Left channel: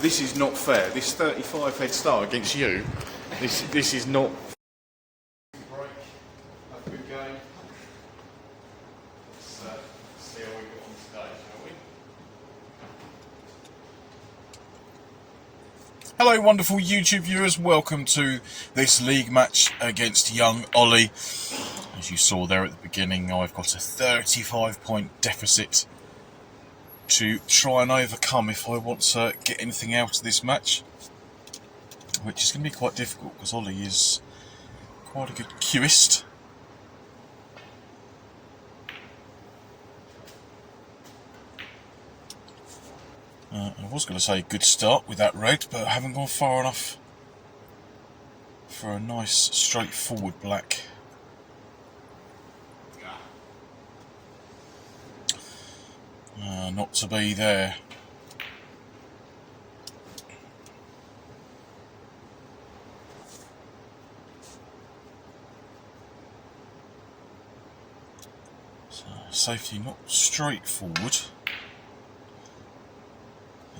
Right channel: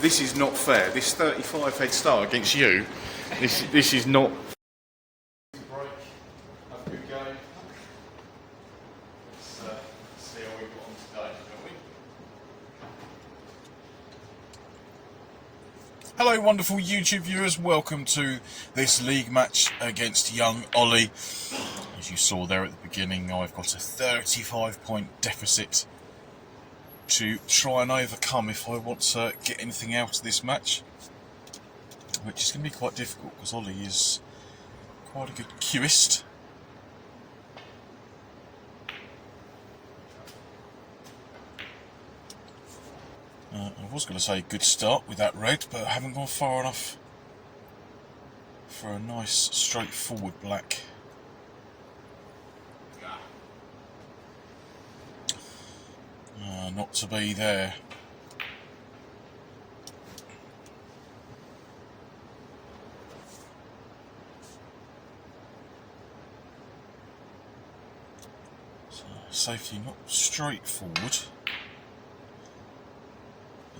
This is not fair. This 35 head start against you, this is not. Break. Have a good game. Let's see how we got on today, shall we? Hello wonderful YouTube viewers, welcome to this league match against young Ollie. As you saw there at the beginning, I've got a 35-point deficit to try and overcome if I want to get anything out of this match, which is going to be quite difficult because Ollie is quite a good cueist. I was going to say good start with that red, but I haven't gone far enough for a nice straightforward black. Not to be there. So, safety not straightforward,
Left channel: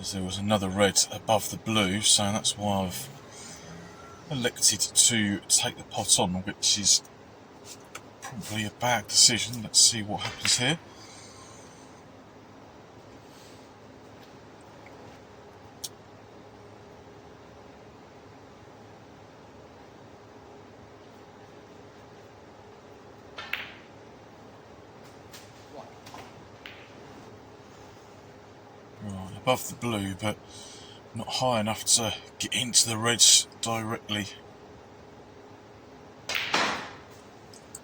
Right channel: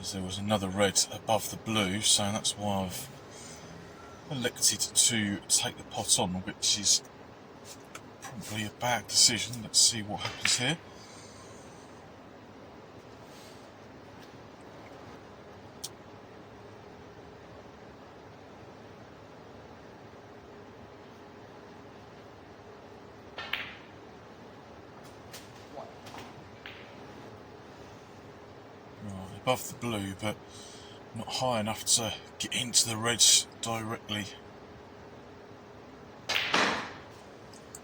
as there was another red above the blue, so that's why I've elected to take the pot on, which is probably a bad decision. Let's see what happens here. Above the blue, but not high enough to get into the reds directly.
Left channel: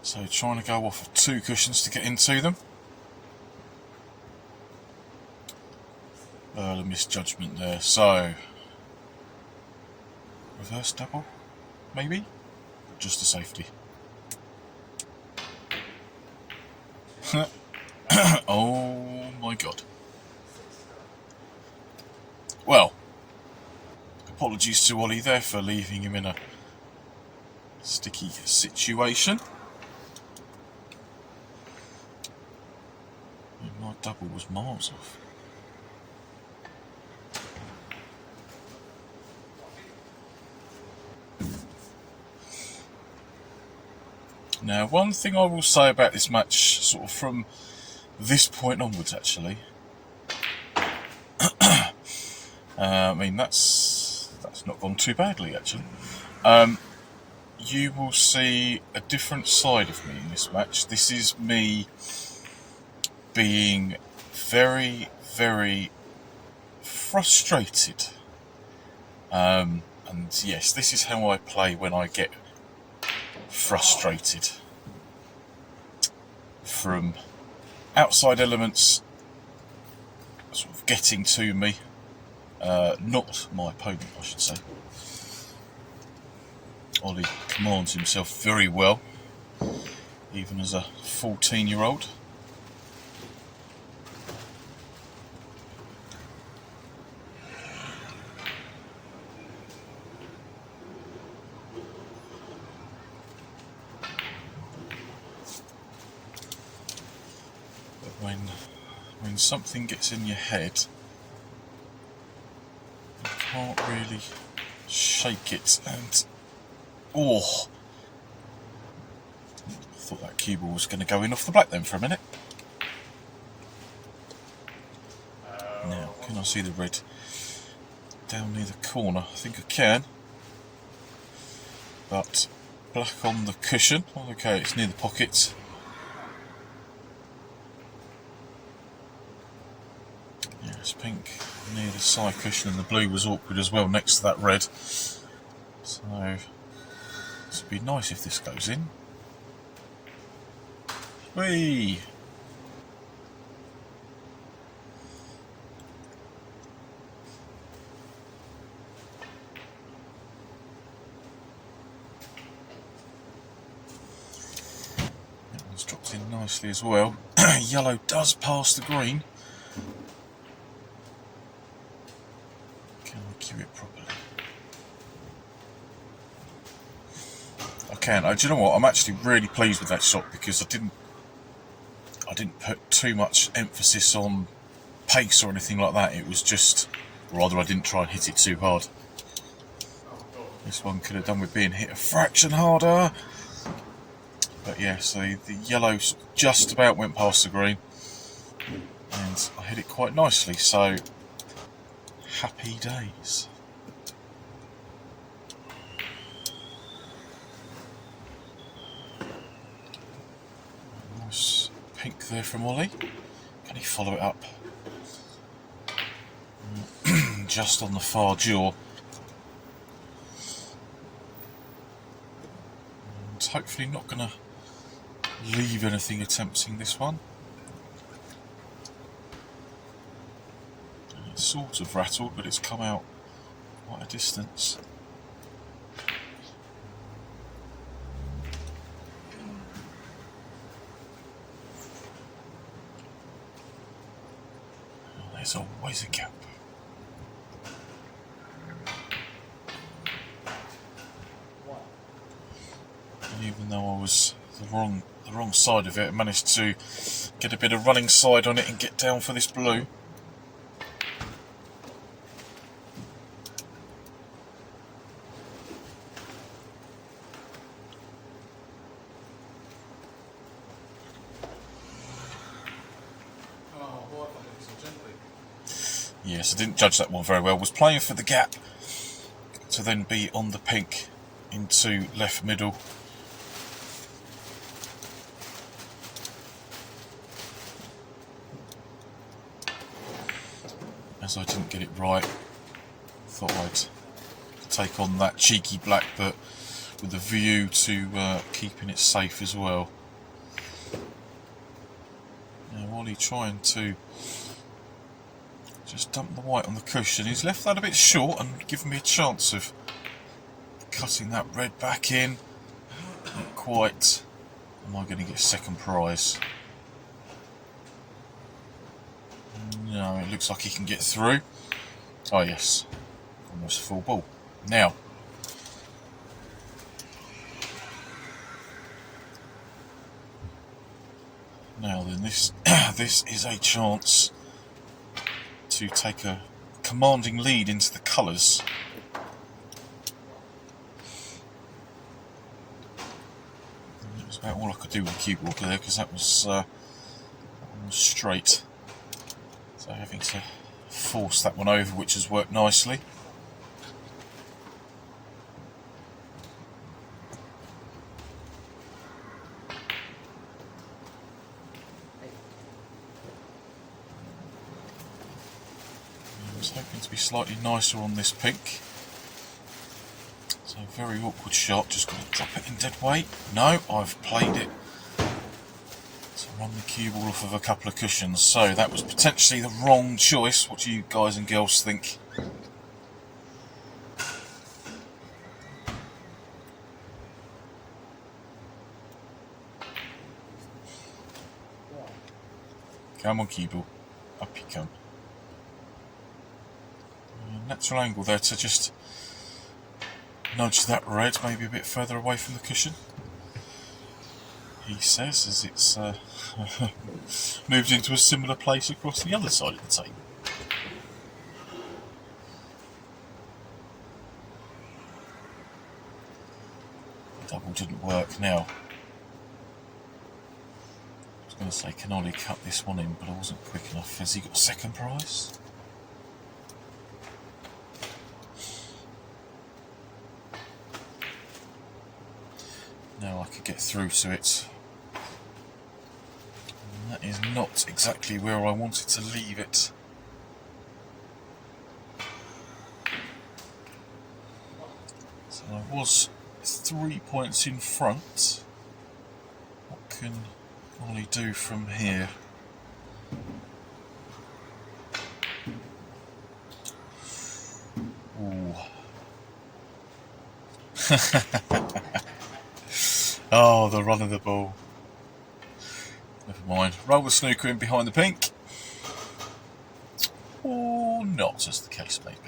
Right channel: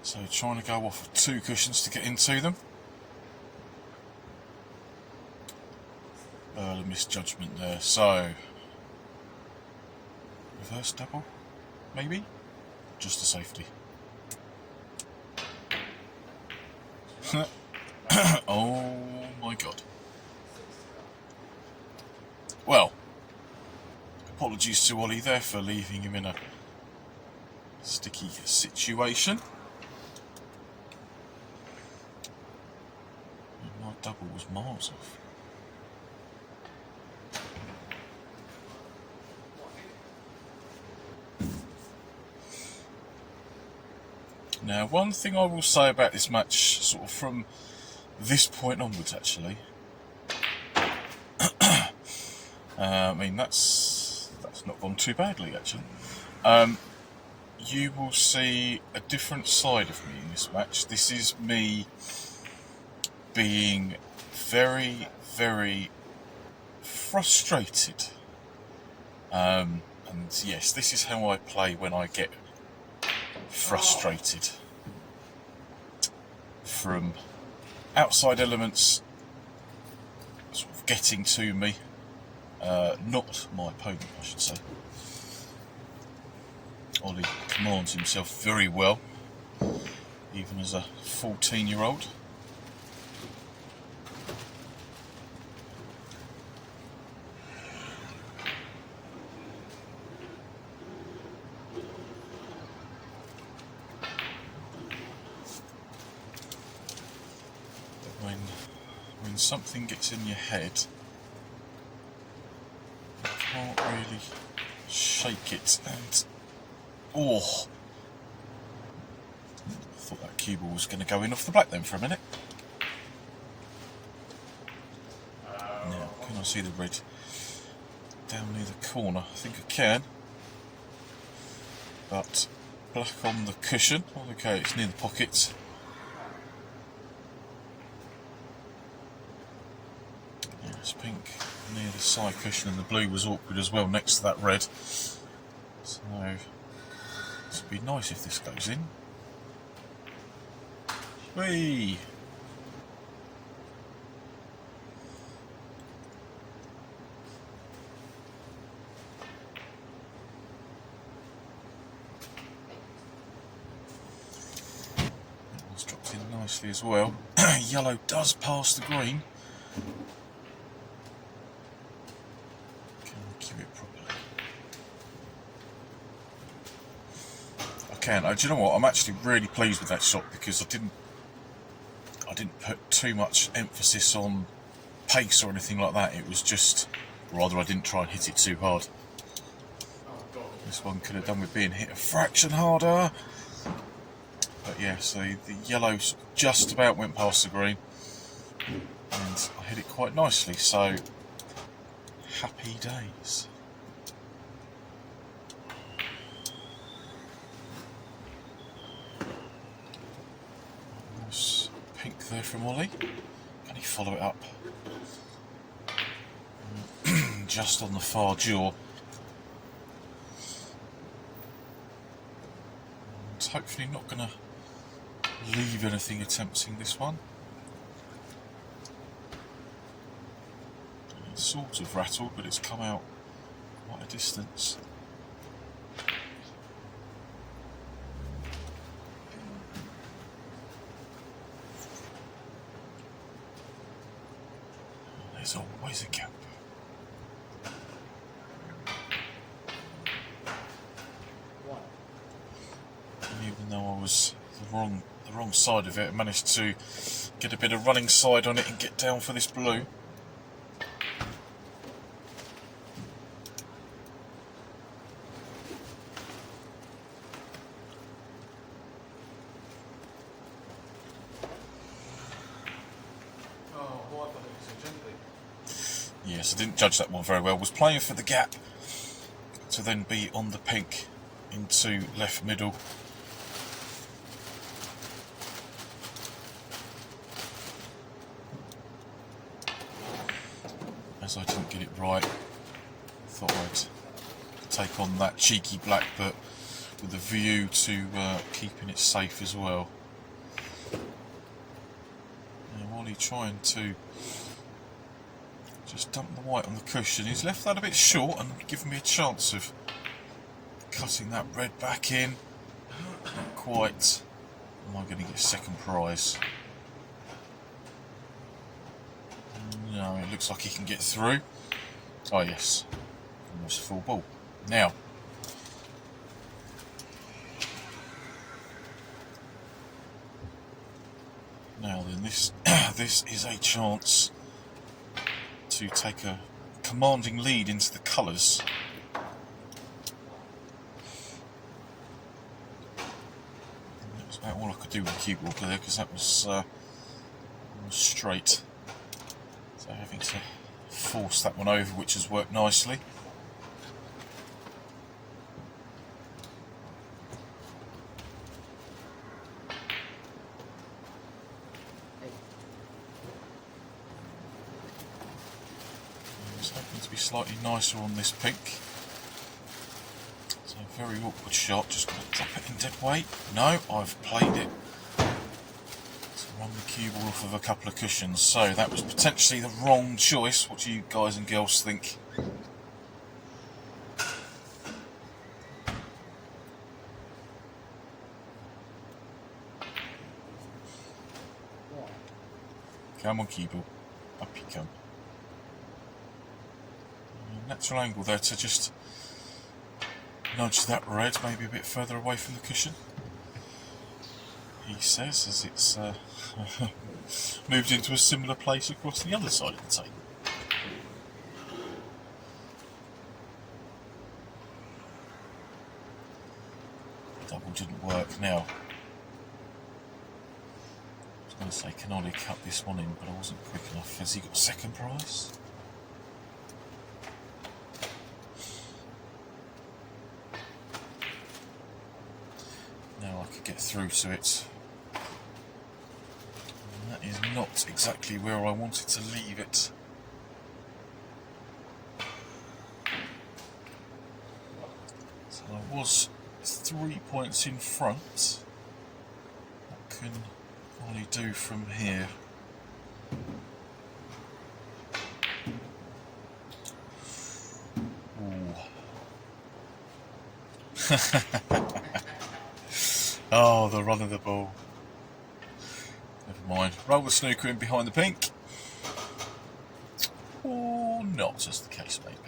So trying to go off of 2 cushions to get into them. A misjudgment there. So reverse double, maybe? Just a safety. Oh my god. Well, apologies to Ollie there for leaving him in a sticky situation. My double was miles off. Now, one thing I will say about this match, sort of from this point onwards actually, I mean, that's not gone too badly actually. You will see a different side of me in this match. This is me being very, very frustrated. And yes, this is how I play when I get frustrated from outside elements sort of getting to me. Not my opponent, I should say. Ollie commands himself very well, even as a 14-year-old. When something gets in your head, can't really shake it, and I thought that cue ball was going to go in off the black then for a minute. Now, can I see the red down near the corner? I think I can, but black on the cushion. Okay, it's near the pocket. It's pink near the side cushion, and the blue was awkward as well next to that red. So this would be nice if this goes in. Whee! That one's dropped in nicely as well. Yellow does pass the green. Do you know what? I'm actually really pleased with that shot because I didn't put too much emphasis on pace or anything like that. It was just Or rather, I didn't try and hit it too hard. This one could have done with being hit a fraction harder. But yeah, so the yellow just about went past the green. And I hit it quite nicely, so happy days. Nice pink there from Ollie. Can he follow it up? Just on the far jaw. And hopefully not going to leave anything attempting this one. It's sort of rattled, but it's come out quite a distance. There's always a gap. And even though I was the wrong side of it, I managed to get a bit of running side on it and get down for this blue. Yes, I didn't judge that one very well. Was playing for the gap to then be on the pink into left middle. As I didn't get it right, thought I'd take on that cheeky black, but with a view to keeping it safe as well. Now, Wally trying to just dump the white on the cushion. He's left that a bit short and given me a chance of cutting that red back in. Not quite. Am I going to get a second prize? No, it looks like he can get through. Oh yes, almost full ball. Now, then this is a chance to take a commanding lead into the colours. That was about all I could do with the cue ball there, because that was straight. So having to force that one over, which has worked nicely. I was hoping to be slightly nicer on this pink. So a very awkward shot, just got to drop it in dead weight. No, I've played it. Run the cue ball off of a couple of cushions, so that was potentially the wrong choice. What do you guys and girls think? Come on, cue ball, up you come. Natural angle there to just nudge that red maybe a bit further away from the cushion. He says, as it's moved into a similar place across the other side of the table. Double didn't work now. I was going to say, can Ollie cut this one in, but I wasn't quick enough. Has he got second prize? Now I could get through to it. That is not exactly where I wanted to leave it. So I was 3 points in front. What can Ollie do from here? Ooh. Oh, the run of the ball. Never mind. Roll the snooker in behind the pink. Or not, as the case may be.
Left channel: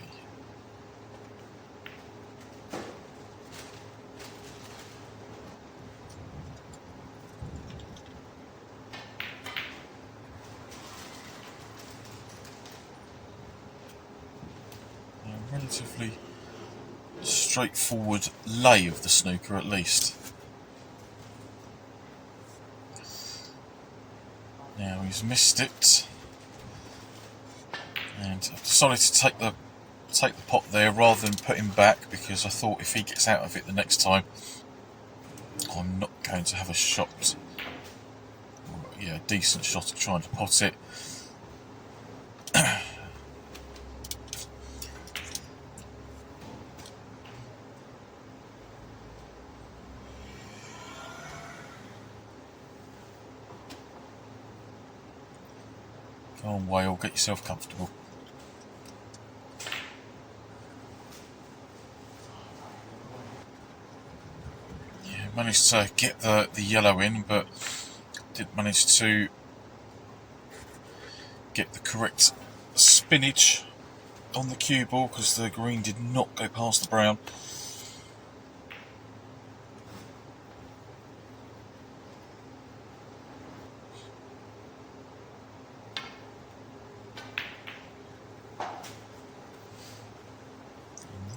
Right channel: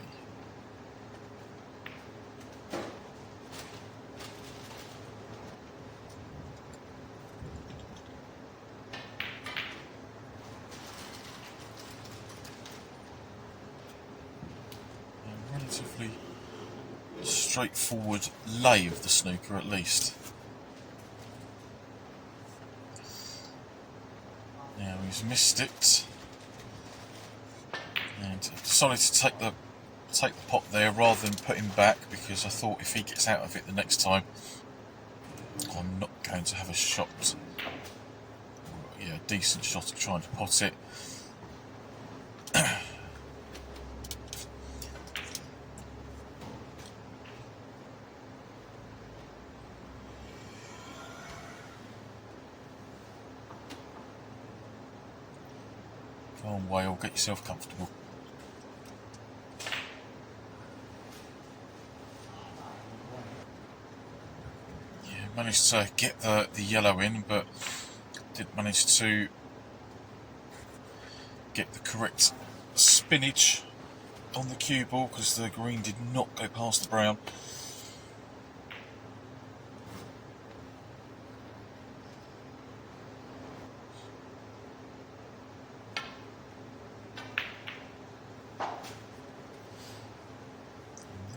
relatively straightforward lay of the snooker, at least. Now he's missed it, and I've decided to take the pot there rather than put him back, because I thought if he gets out of it the next time, I'm not going to have a shot, a decent shot of trying to pot it. Go on, Whale, get yourself comfortable. Yeah, managed to get the yellow in, but didn't manage to get the correct spinach on the cue ball, because the green did not go past the brown.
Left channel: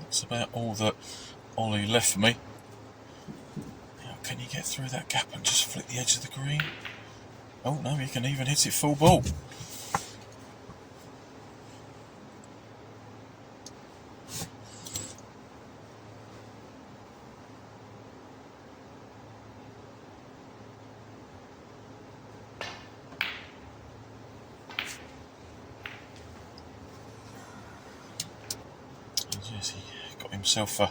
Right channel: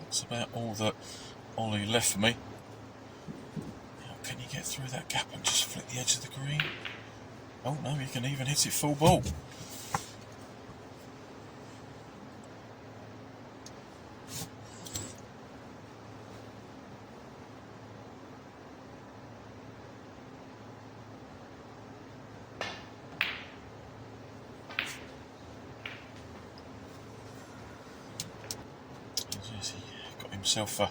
That's about all that Ollie left for me. Now, can you get through that gap and just flick the edge of the green? Oh no, you can even hit it full ball. He got himself a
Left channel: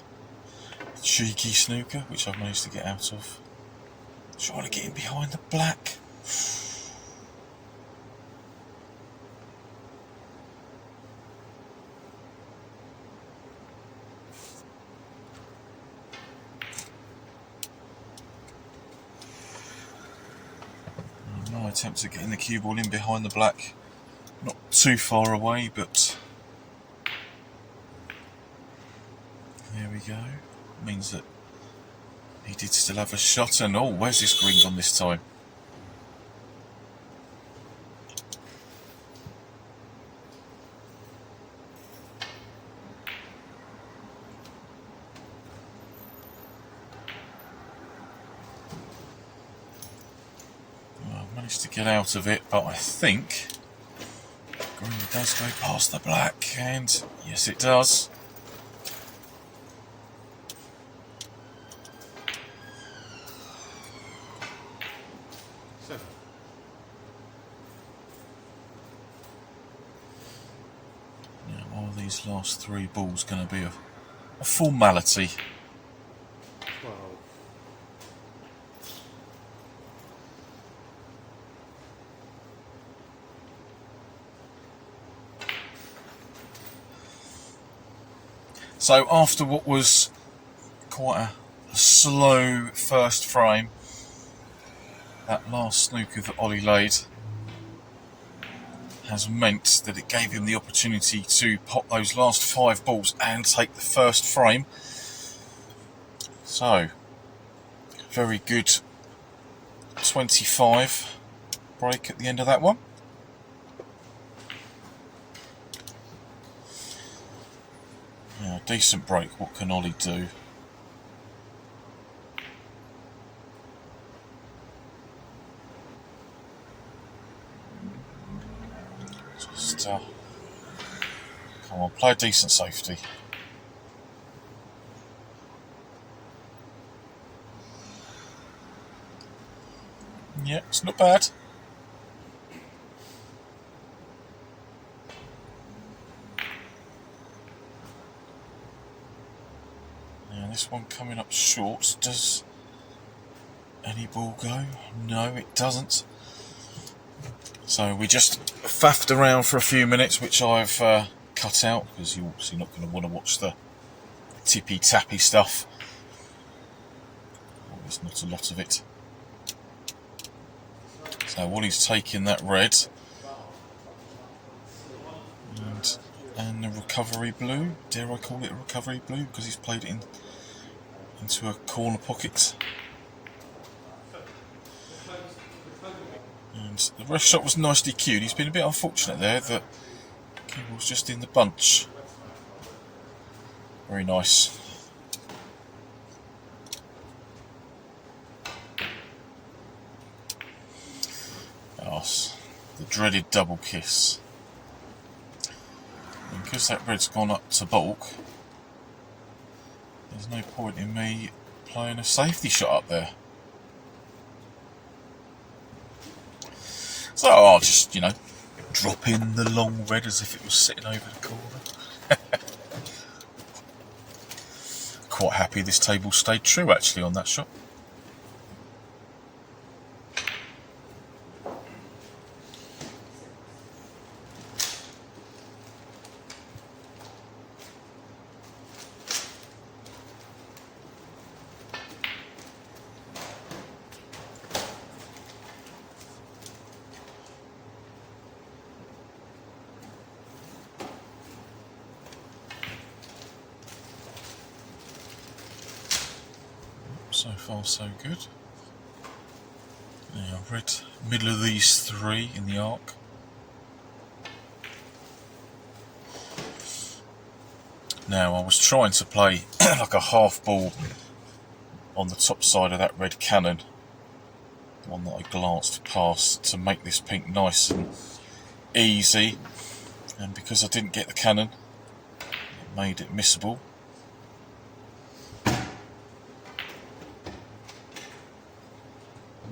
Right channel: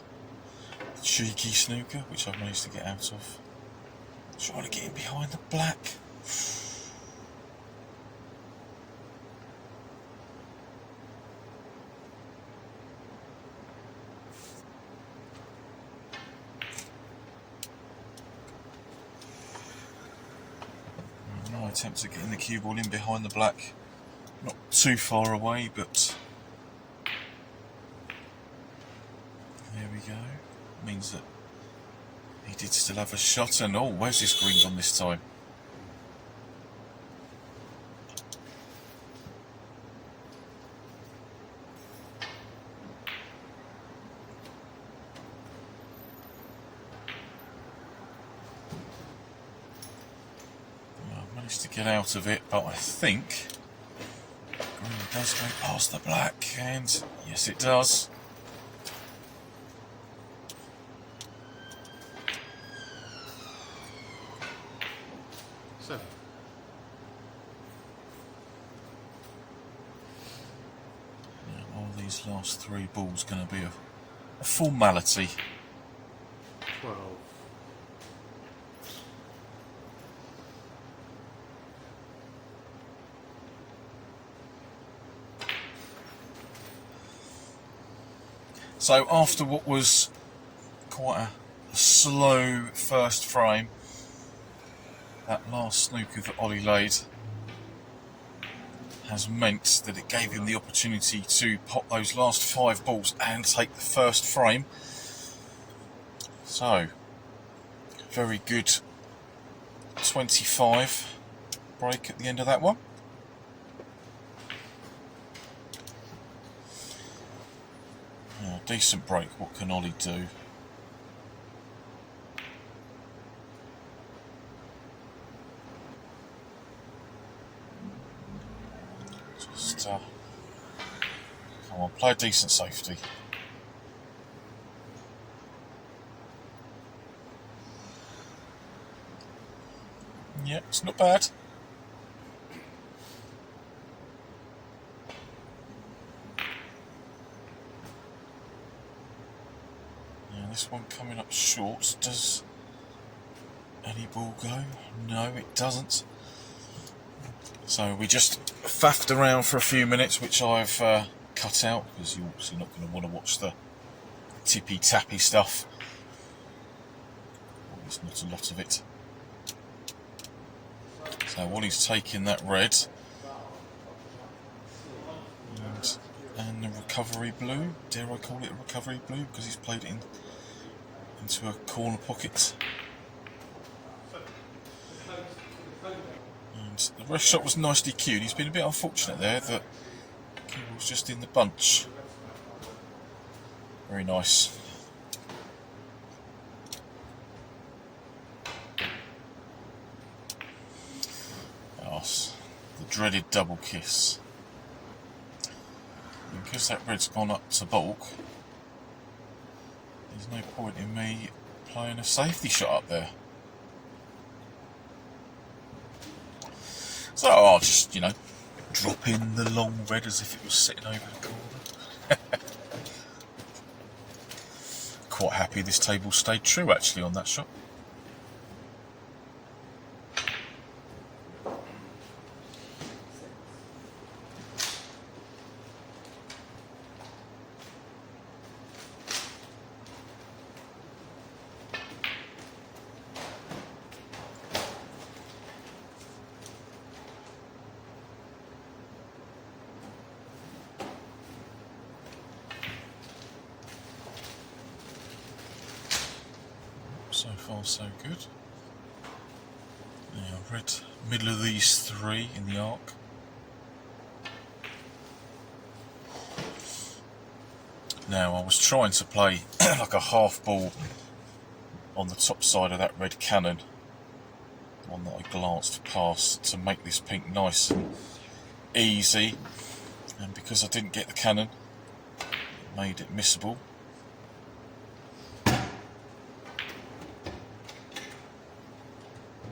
cheeky snooker, which I've managed to get out of. Trying to get him behind the black. No attempt at getting the cue ball in behind the black. Not too far away, but there we go. Means that he did still have a shot, and oh, where's this green gone this time? Well, I managed to get out of it, but I think green does go past the black, and yes, it does. These last three balls going to be a formality. 12. So after what was quite a slow first frame, that last snooker that Ollie laid has meant that it gave him the opportunity to pop those last 5 balls and take the first frame. So, very good 25 break at the end of that one. Yeah, decent break. What can Ollie do? Just come on, play a decent safety. Yeah, it's not bad. Now this one coming up short. Does any ball go? No, it doesn't. So we just faffed around for a few minutes, which I've cut out, because you're obviously not going to want to watch the tippy-tappy stuff. There's not a lot of it. So while he's taking that red and the recovery blue, dare I call it a recovery blue, because he's played it into a corner pocket. And the ref shot was nicely cued. He's been a bit unfortunate there that Kimball's just in the bunch. Very nice. Yes, the dreaded double kiss. And because that red's gone up to bulk, there's no point in me playing a safety shot up there. So I'll just, you know, drop in the long red as if it was sitting over the corner. Quite happy this table stayed true actually on that shot. So far so good. Yeah, red middle of these three in the arc. Now I was trying to play like a half ball on the top side of that red cannon, the one that I glanced past, to make this pink nice and easy, and because I didn't get the cannon it made it missable.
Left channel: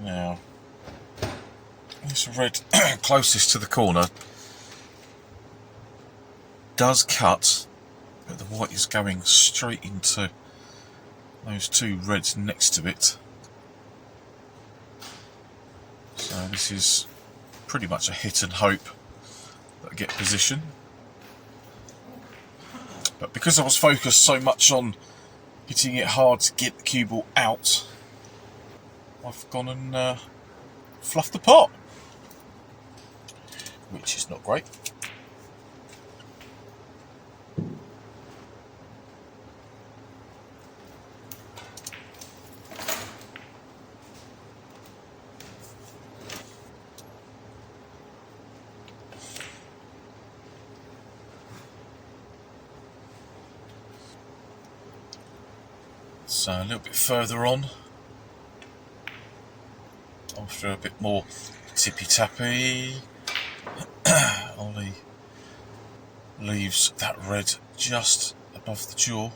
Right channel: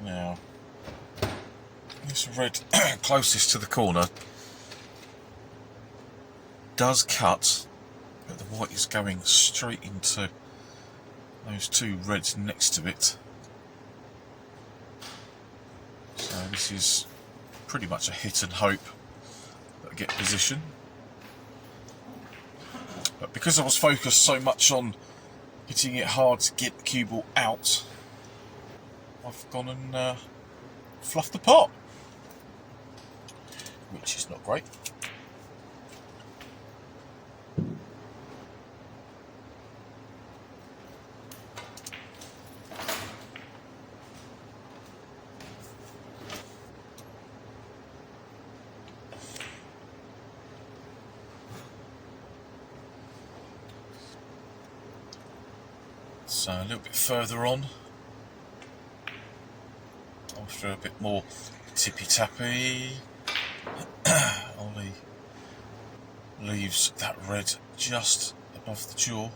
Now this red closest to the corner does cut, but the white is going straight into those two reds next to it. So this is pretty much a hit and hope that I get position. But because I was focused so much on hitting it hard to get the cue ball out, I've gone and fluffed the pot, which is not great. So a little bit further on, after a bit more tippy-tappy, Ollie leaves that red just above the jaw.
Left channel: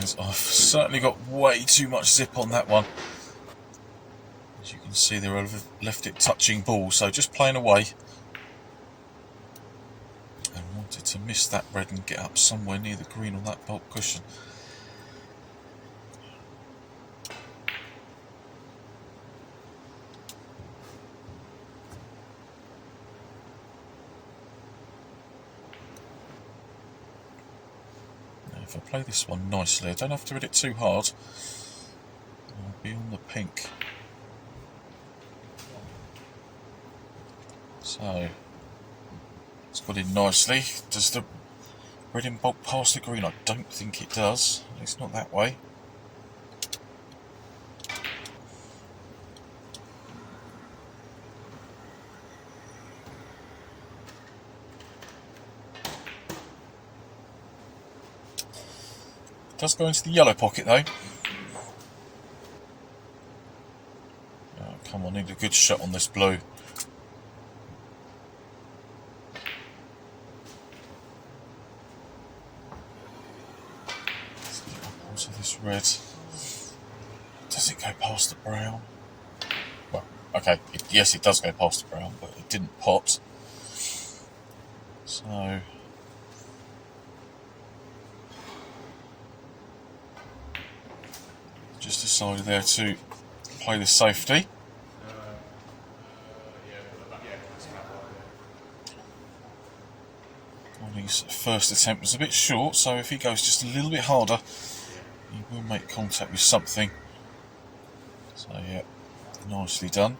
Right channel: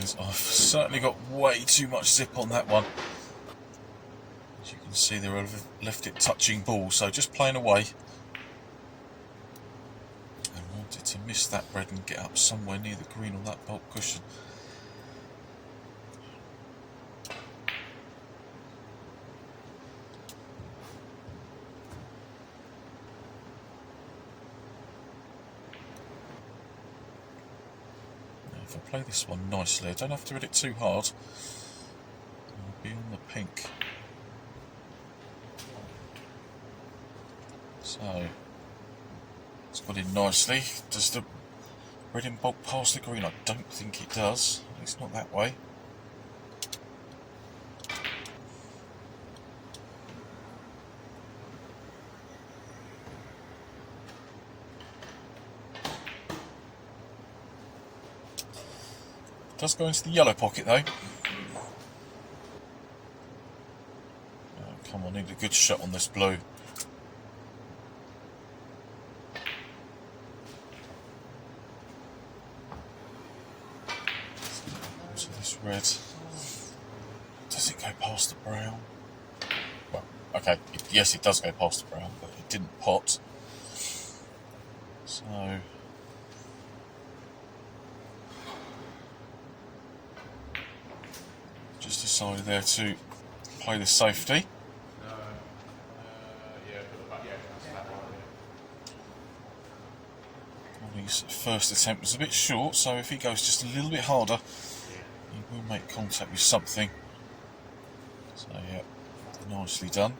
Yes, I've certainly got way too much zip on that one. As you can see there, I've left it touching ball, so just playing away. And wanted to miss that red and get up somewhere near the green on that bulk cushion. If I play this one nicely, I don't have to hit it too hard. I'll be on the pink. So, it's got in nicely. Does the red in bulk pass the green? I don't think it does. It's not that way. Does go into the yellow pocket though. Oh, come on, need a good shot on this blue. So this red, does it go past the brown? Well, okay, yes it does go past the brown, but it didn't pot. So just decided there to play the safety. Ollie's first attempt was a bit short, so if he goes just a little bit harder, he will make contact with something. So yeah, nicely done.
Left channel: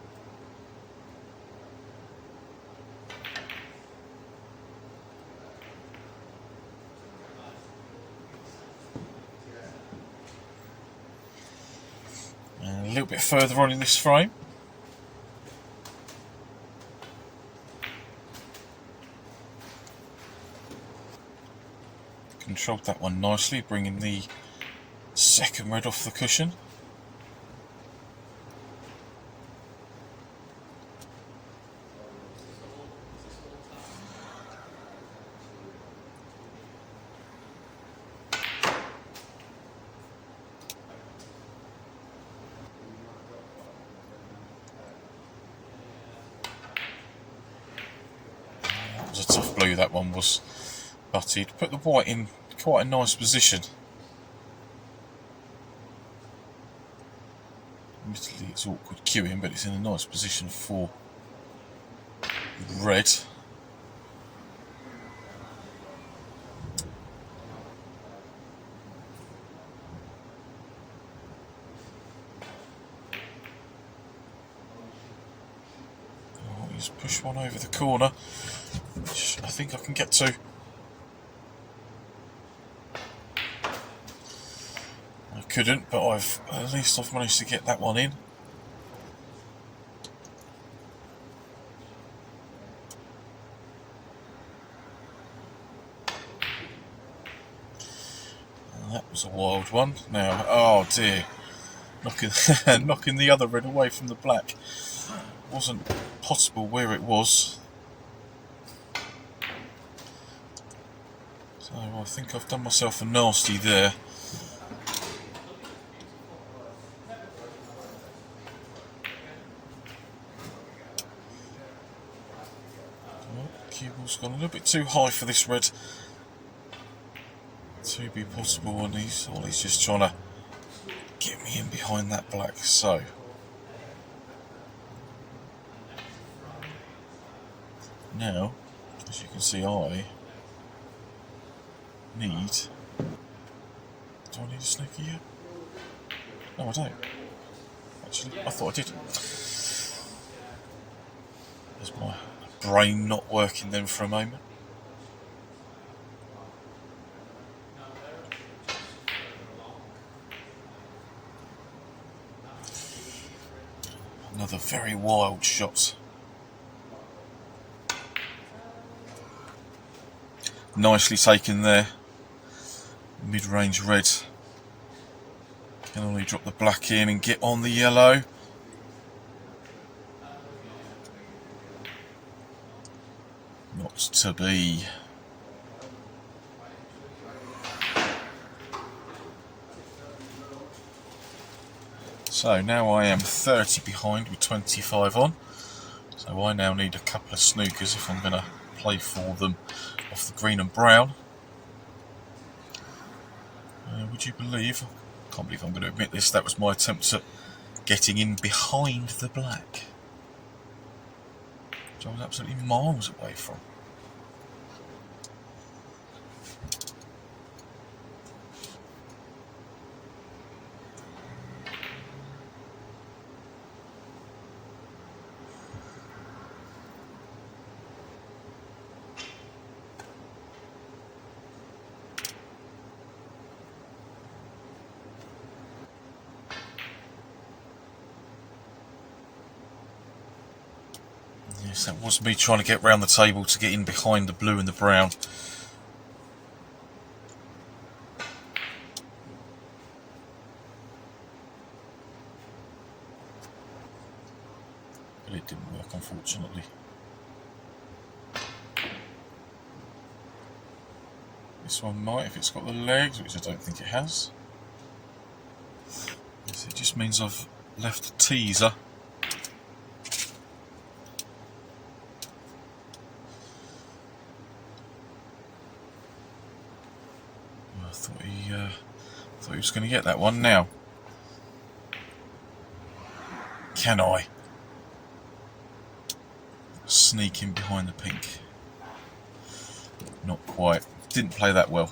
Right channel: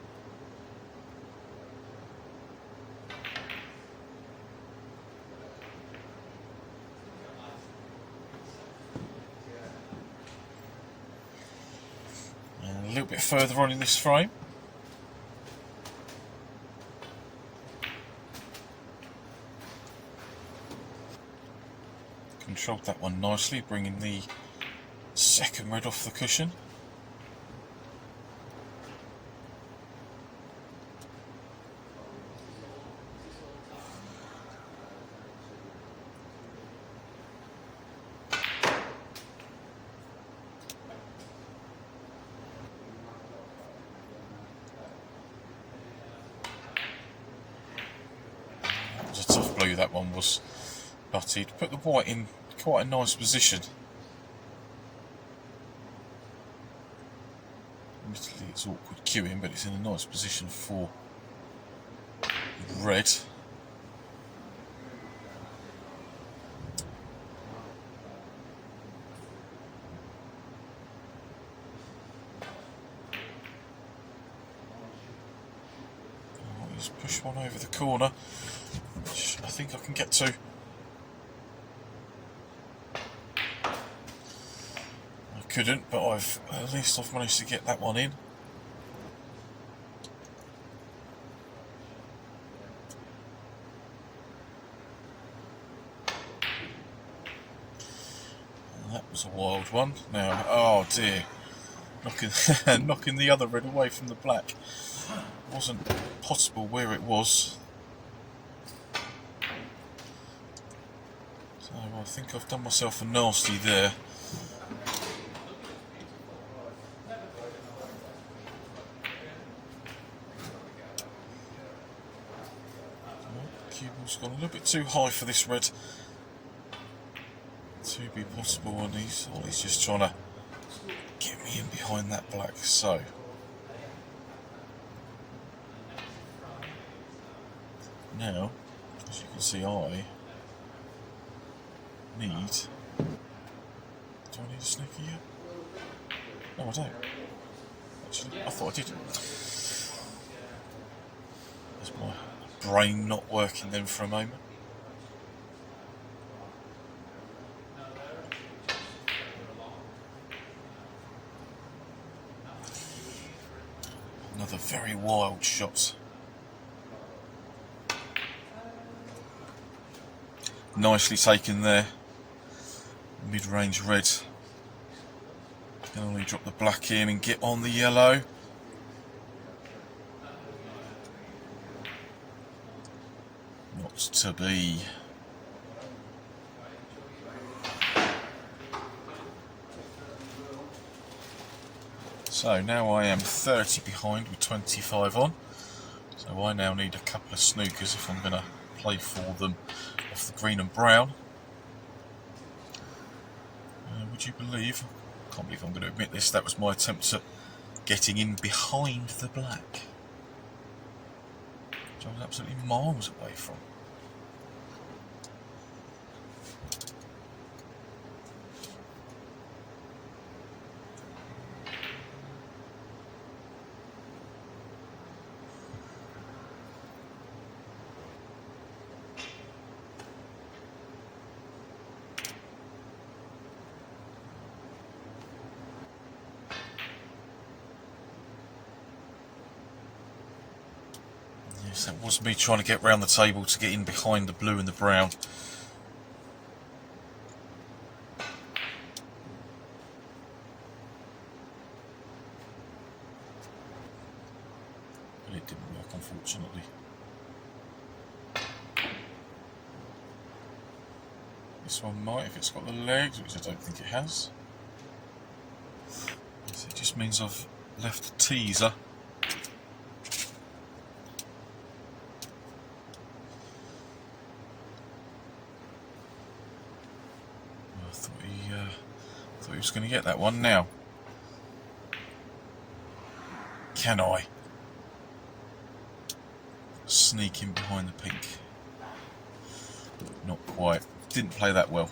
And a little bit further on in this frame. Controlled that one nicely, bringing the second red off the cushion. It was a tough blue, that one was, but he'd put the white in quite a nice position. Admittedly it's awkward queuing, but it's in a nice position for red. Oh, he's pushed one over the corner, which I think I can get to. Couldn't, but at least I've managed to get that one in. And that was a wild one. Now, oh dear, knocking the other red away from the black. Wasn't possible where it was. So I think I've done myself a nasty there. Cue ball's gone a little bit too high for this red to be possible, and he's just trying to get me in behind that black. So now, as you can see, I need. Do I need a snooker yet? No, I don't. Actually, I thought I did. There's my brain not working then for a moment. Another very wild shot. Nicely taken there. Mid-range red. Can only drop the black in and get on the yellow. Not to be. So now I am 30 behind with 25 on. So I now need a couple of snookers if I'm going to play for them off the green and brown. Would you believe, I can't believe I'm going to admit this, that was my attempt at getting in behind the black, which I was absolutely miles away from. Yes, that was me trying to get round the table to get in behind the blue and the brown. But it didn't work, unfortunately. This one might, if it's got the legs, which I don't think it has. So it just means I've left a teaser. I thought he was going to get that one. Now, can I sneak in behind the pink? Not quite. Didn't play that well.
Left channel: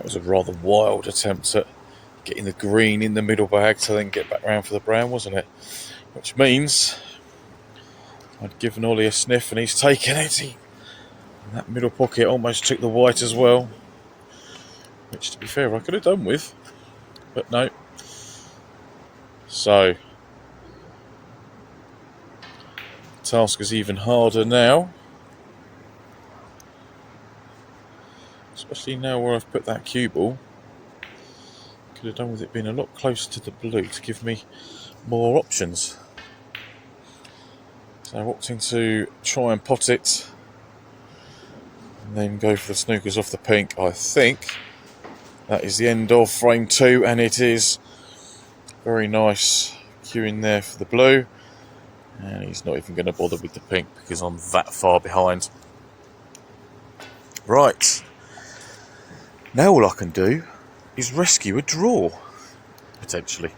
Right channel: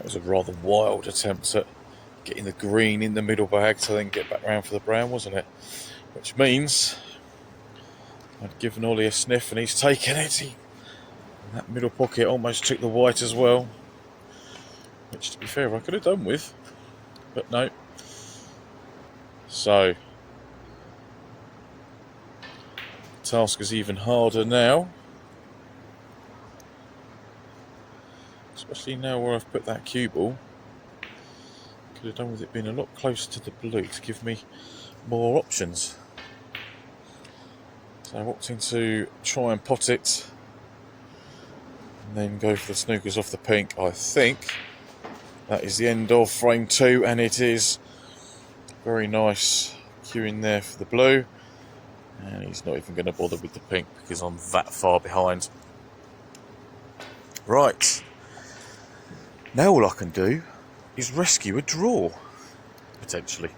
That was a rather wild attempt at getting the green in the middle bag to then get back round for the brown, wasn't it? Which means I'd given Ollie a sniff and he's taken it. And that middle pocket almost took the white as well. Which, to be fair, I could have done with. But no. So, the task is even harder now. Especially now where I've put that cue ball. Could have done with it being a lot closer to the blue to give me more options. So I walked in to try and pot it and then go for the snookers off the pink. I think that is the end of frame 2, and it is very nice cue in there for the blue. And he's not even going to bother with the pink because I'm that far behind. Right. Now all I can do is rescue a draw, potentially.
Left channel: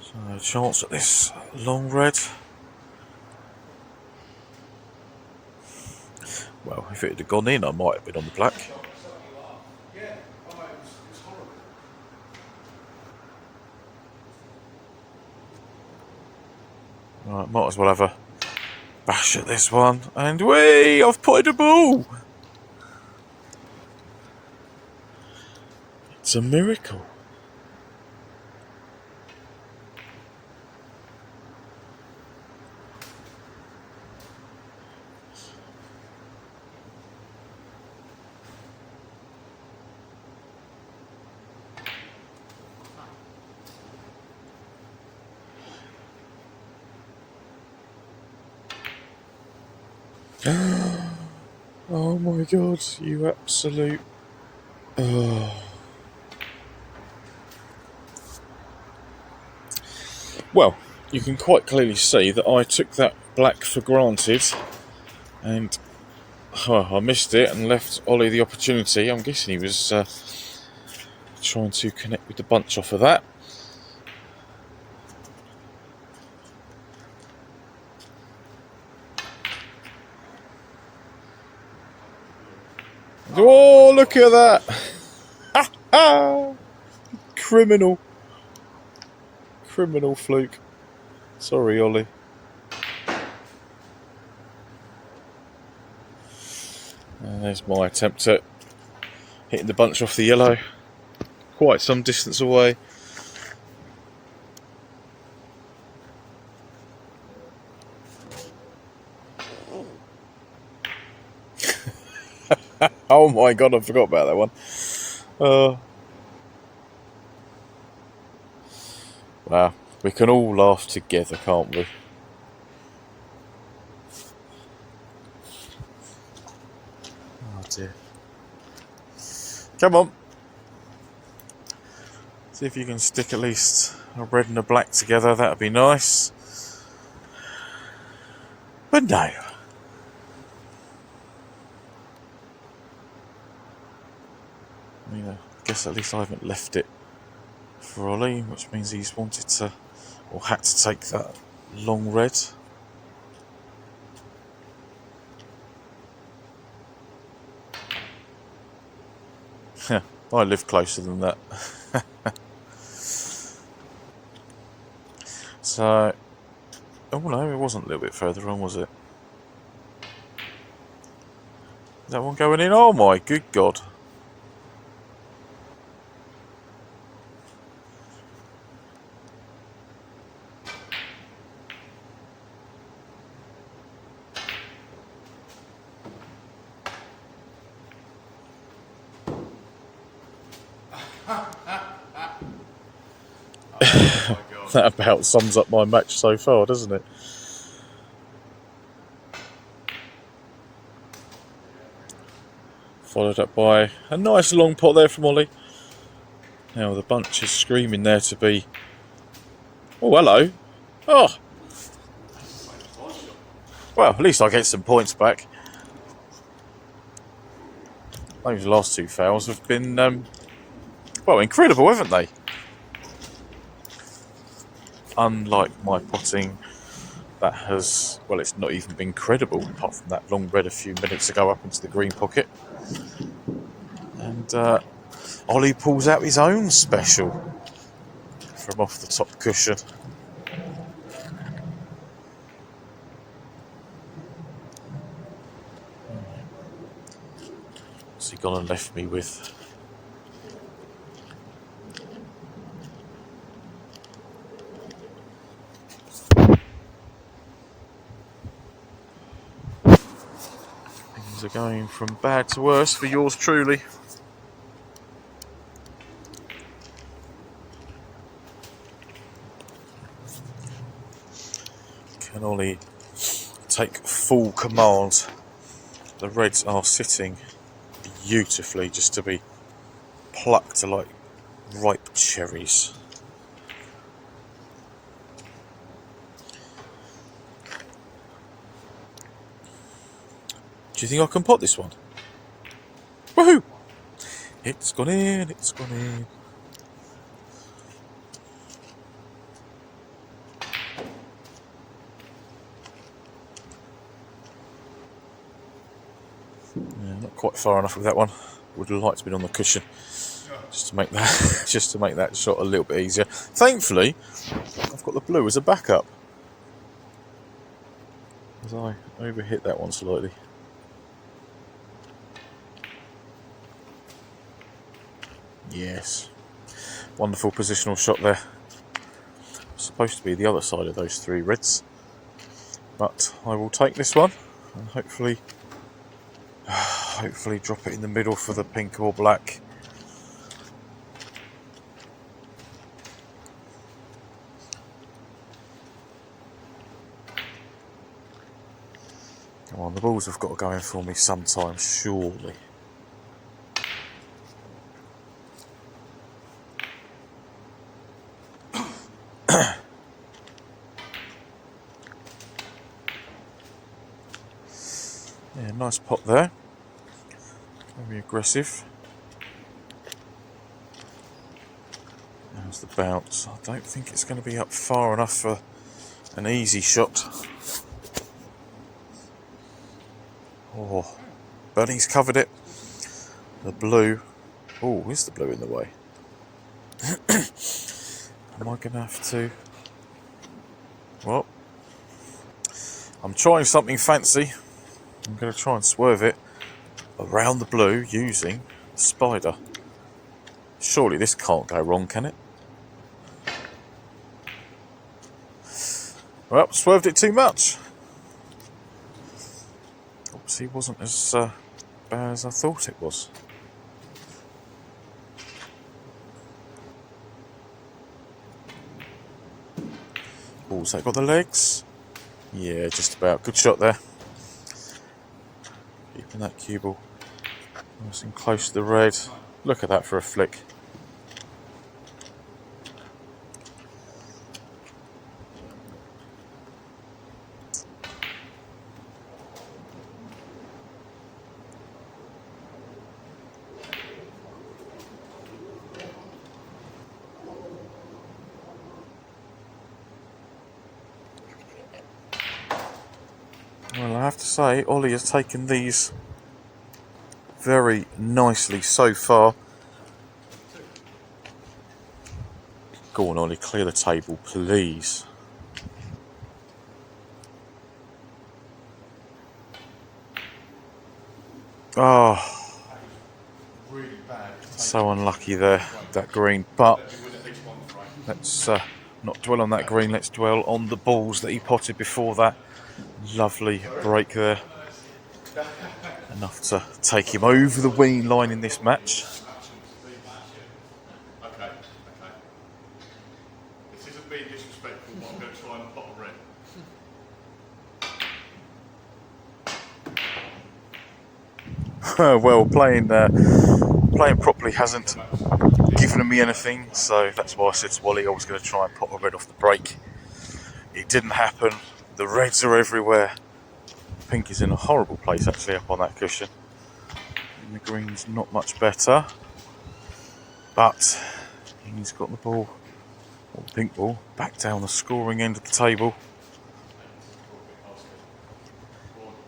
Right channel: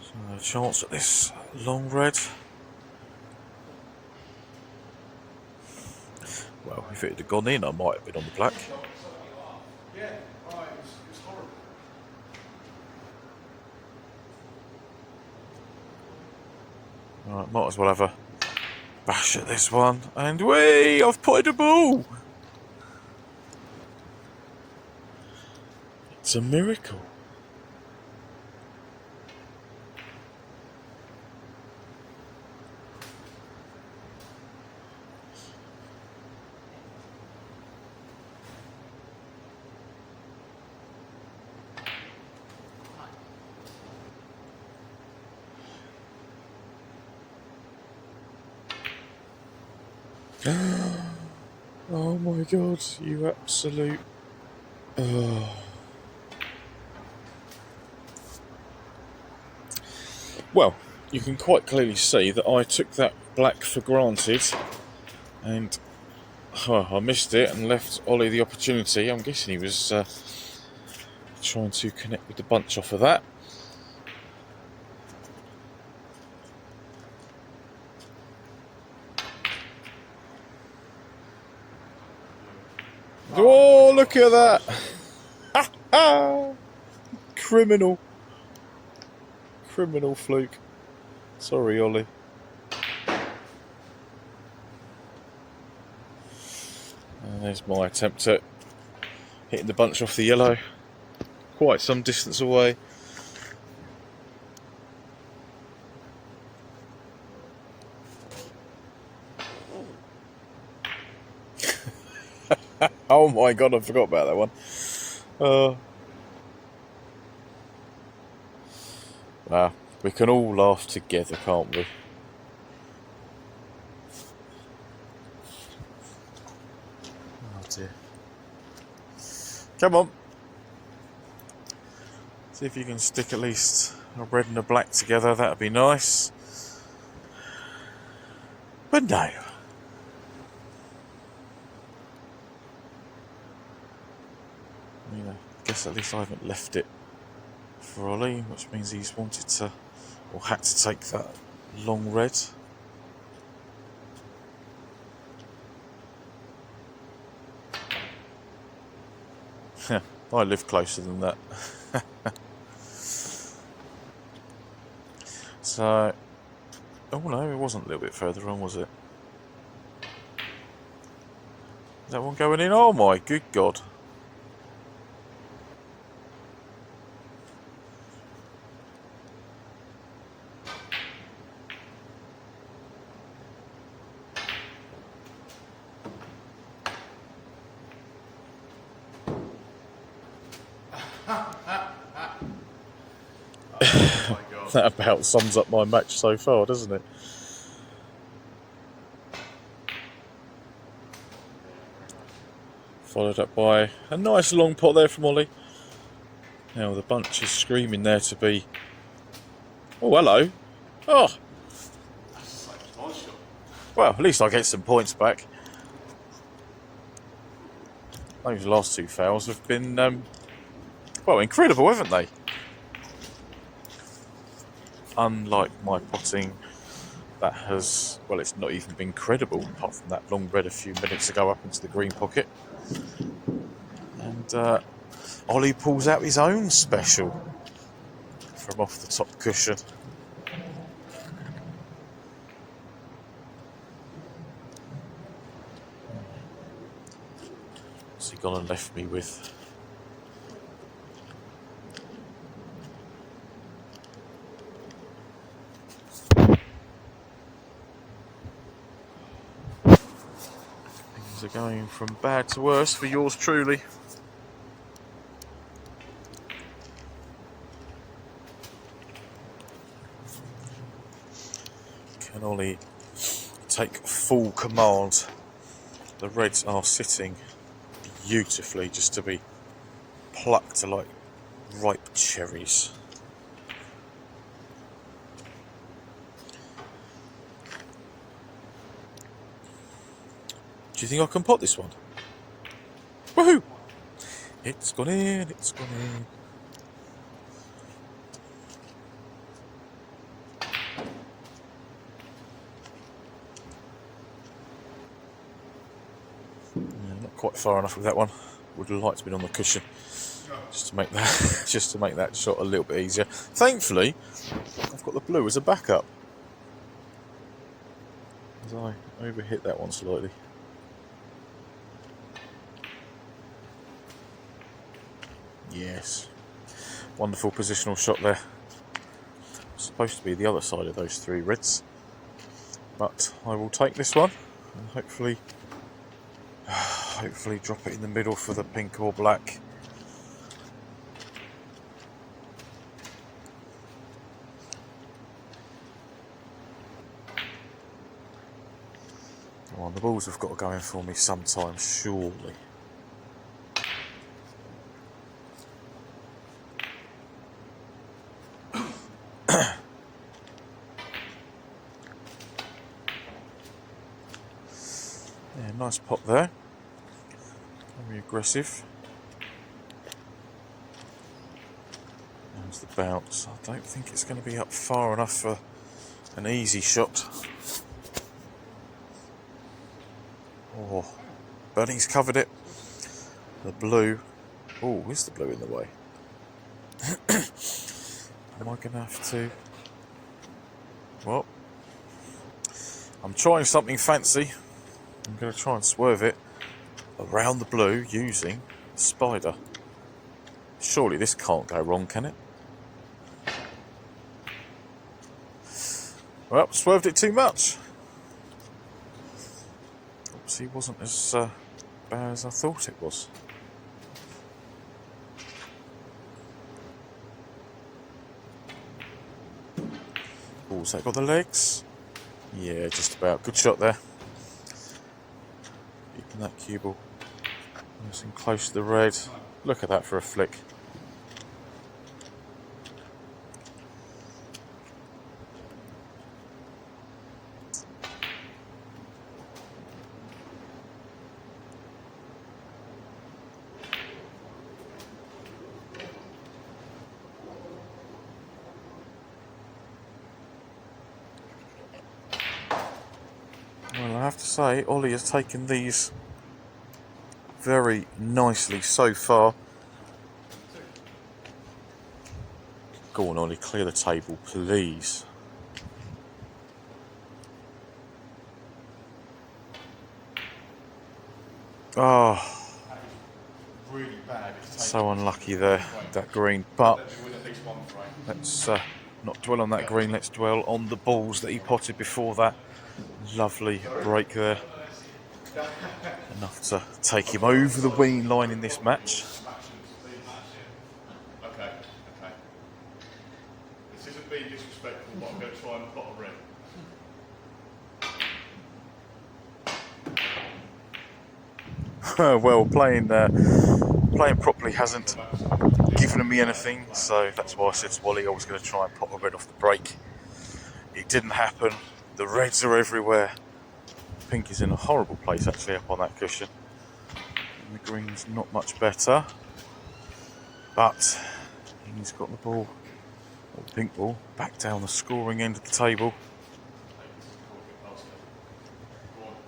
So a chance at this long red. Well, if it had gone in, I might have been on the black. Right, might as well have a bash at this one. And I've potted a ball! It's a miracle. Oh my god, you absolute... Well, you can quite clearly see that I took that black for granted and I missed it and left Ollie the opportunity. I'm guessing he was trying to connect with the bunch off of that. Oh, look at that! Ha ha! Criminal fluke. Sorry, Ollie. And there's my attempt at hitting the bunch off the yellow. Quite some distance away. Oh my god, I forgot about that one. Wow, we can all laugh together, can't we? Oh dear. Come on. See if you can stick at least a red and a black together, that'd be nice. But no. Yeah, I guess at least I haven't left it for Ollie, which means he's wanted to, or had to take that long red. I live closer than that. So, oh no, it wasn't a little bit further on, was it? Is that one going in? Oh my good god. That about sums up my match so far, doesn't it? Followed up by a nice long pot there from Ollie. Now the bunch is screaming there to be... Oh, hello. Oh. Well, at least I get some points back. Those last two fouls have been, well, incredible, haven't they? Unlike my potting that has, well, it's not even been credible apart from that long red a few minutes ago up into the green pocket. And Ollie pulls out his own special from off the top cushion. What's he gone and left me with? Things are going from bad to worse for yours truly. Can Ollie take full command? The reds are sitting beautifully, just to be plucked like ripe cherries. Do you think I can pot this one? Woohoo! It's gone in, it's gone in. Not quite far enough with that one. Would have liked to be on the cushion, just to make that just to make that shot a little bit easier. Thankfully, I've got the blue as a backup, as I overhit that one slightly. Yes, wonderful positional shot there. Supposed to be the other side of those three reds, but I will take this one and hopefully drop it in the middle for the pink or black. Come on, the balls have got to go in for me sometime, surely. Yeah, nice pop there. Very aggressive. There's the bounce. I don't think it's going to be up far enough for an easy shot. Oh, Bunny's covered it. The blue. Oh, is the blue in the way? Am I going to have to... Well, I'm trying something fancy. I'm going to try and swerve it around the blue using Spider. Surely this can't go wrong, can it? Well, swerved it too much. Obviously wasn't as bad as I thought it was. Oh, has that got the legs? Yeah, just about. Good shot there. Keeping that cue ball nice and close to the red. Look at that for a flick. Well, I have to say, Ollie has taken these very nicely so far. Go on, Ollie, clear the table, please. Oh, Really bad. so unlucky there, that green. But let's not dwell on that green, let's dwell on the balls that he potted before that. Lovely break there. Enough to take him over the winning line in this match. Okay. This isn't being disrespectful, but I'm going to try and pot a red. Well, playing properly hasn't given me anything, so that's why I said to Wally I was going to try and pop a red off the break. It didn't happen. The reds are everywhere. Pink is in a horrible place actually up on that cushion. And the green's not much better, but he's got the ball, or the pink ball, back down the scoring end of the table.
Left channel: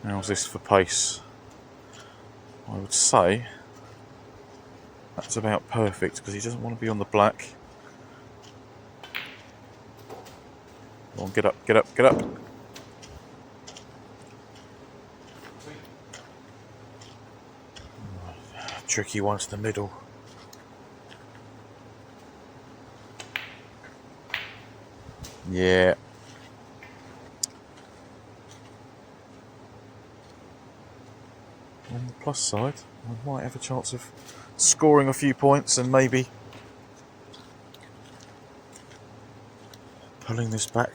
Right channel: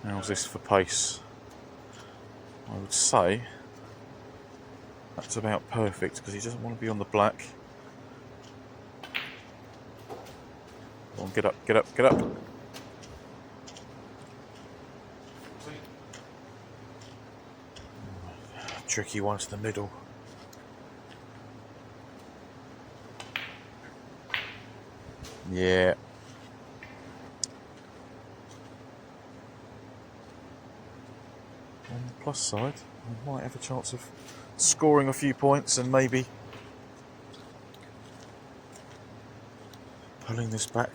How's this for pace? I would say that's about perfect because he doesn't want to be on the black. Come on, get up, get up, get up. Tricky one's the middle. Yeah. On the plus side, I might have a chance of scoring a few points and maybe pulling this back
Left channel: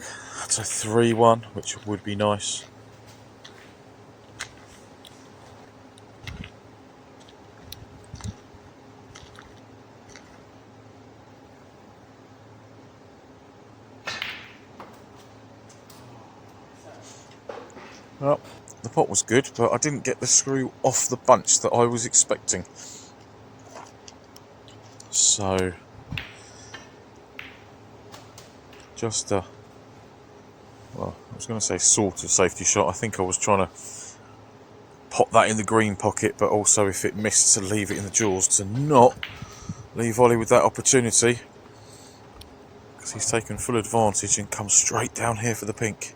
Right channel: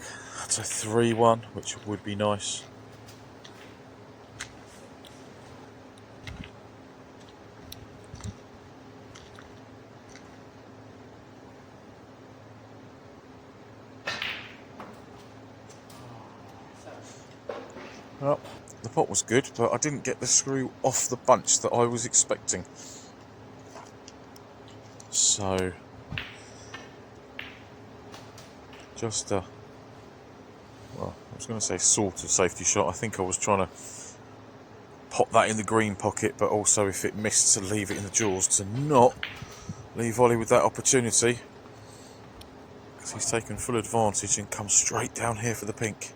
to 3-1, which would be nice. Well, the pot was good, but I didn't get the screw off the bunch that I was expecting. So, just a, well, I was going to say sort of safety shot. I think I was trying to pop that in the green pocket, but also if it missed, to leave it in the jaws, to not leave Ollie with that opportunity, because he's taken full advantage and come straight down here for the pink.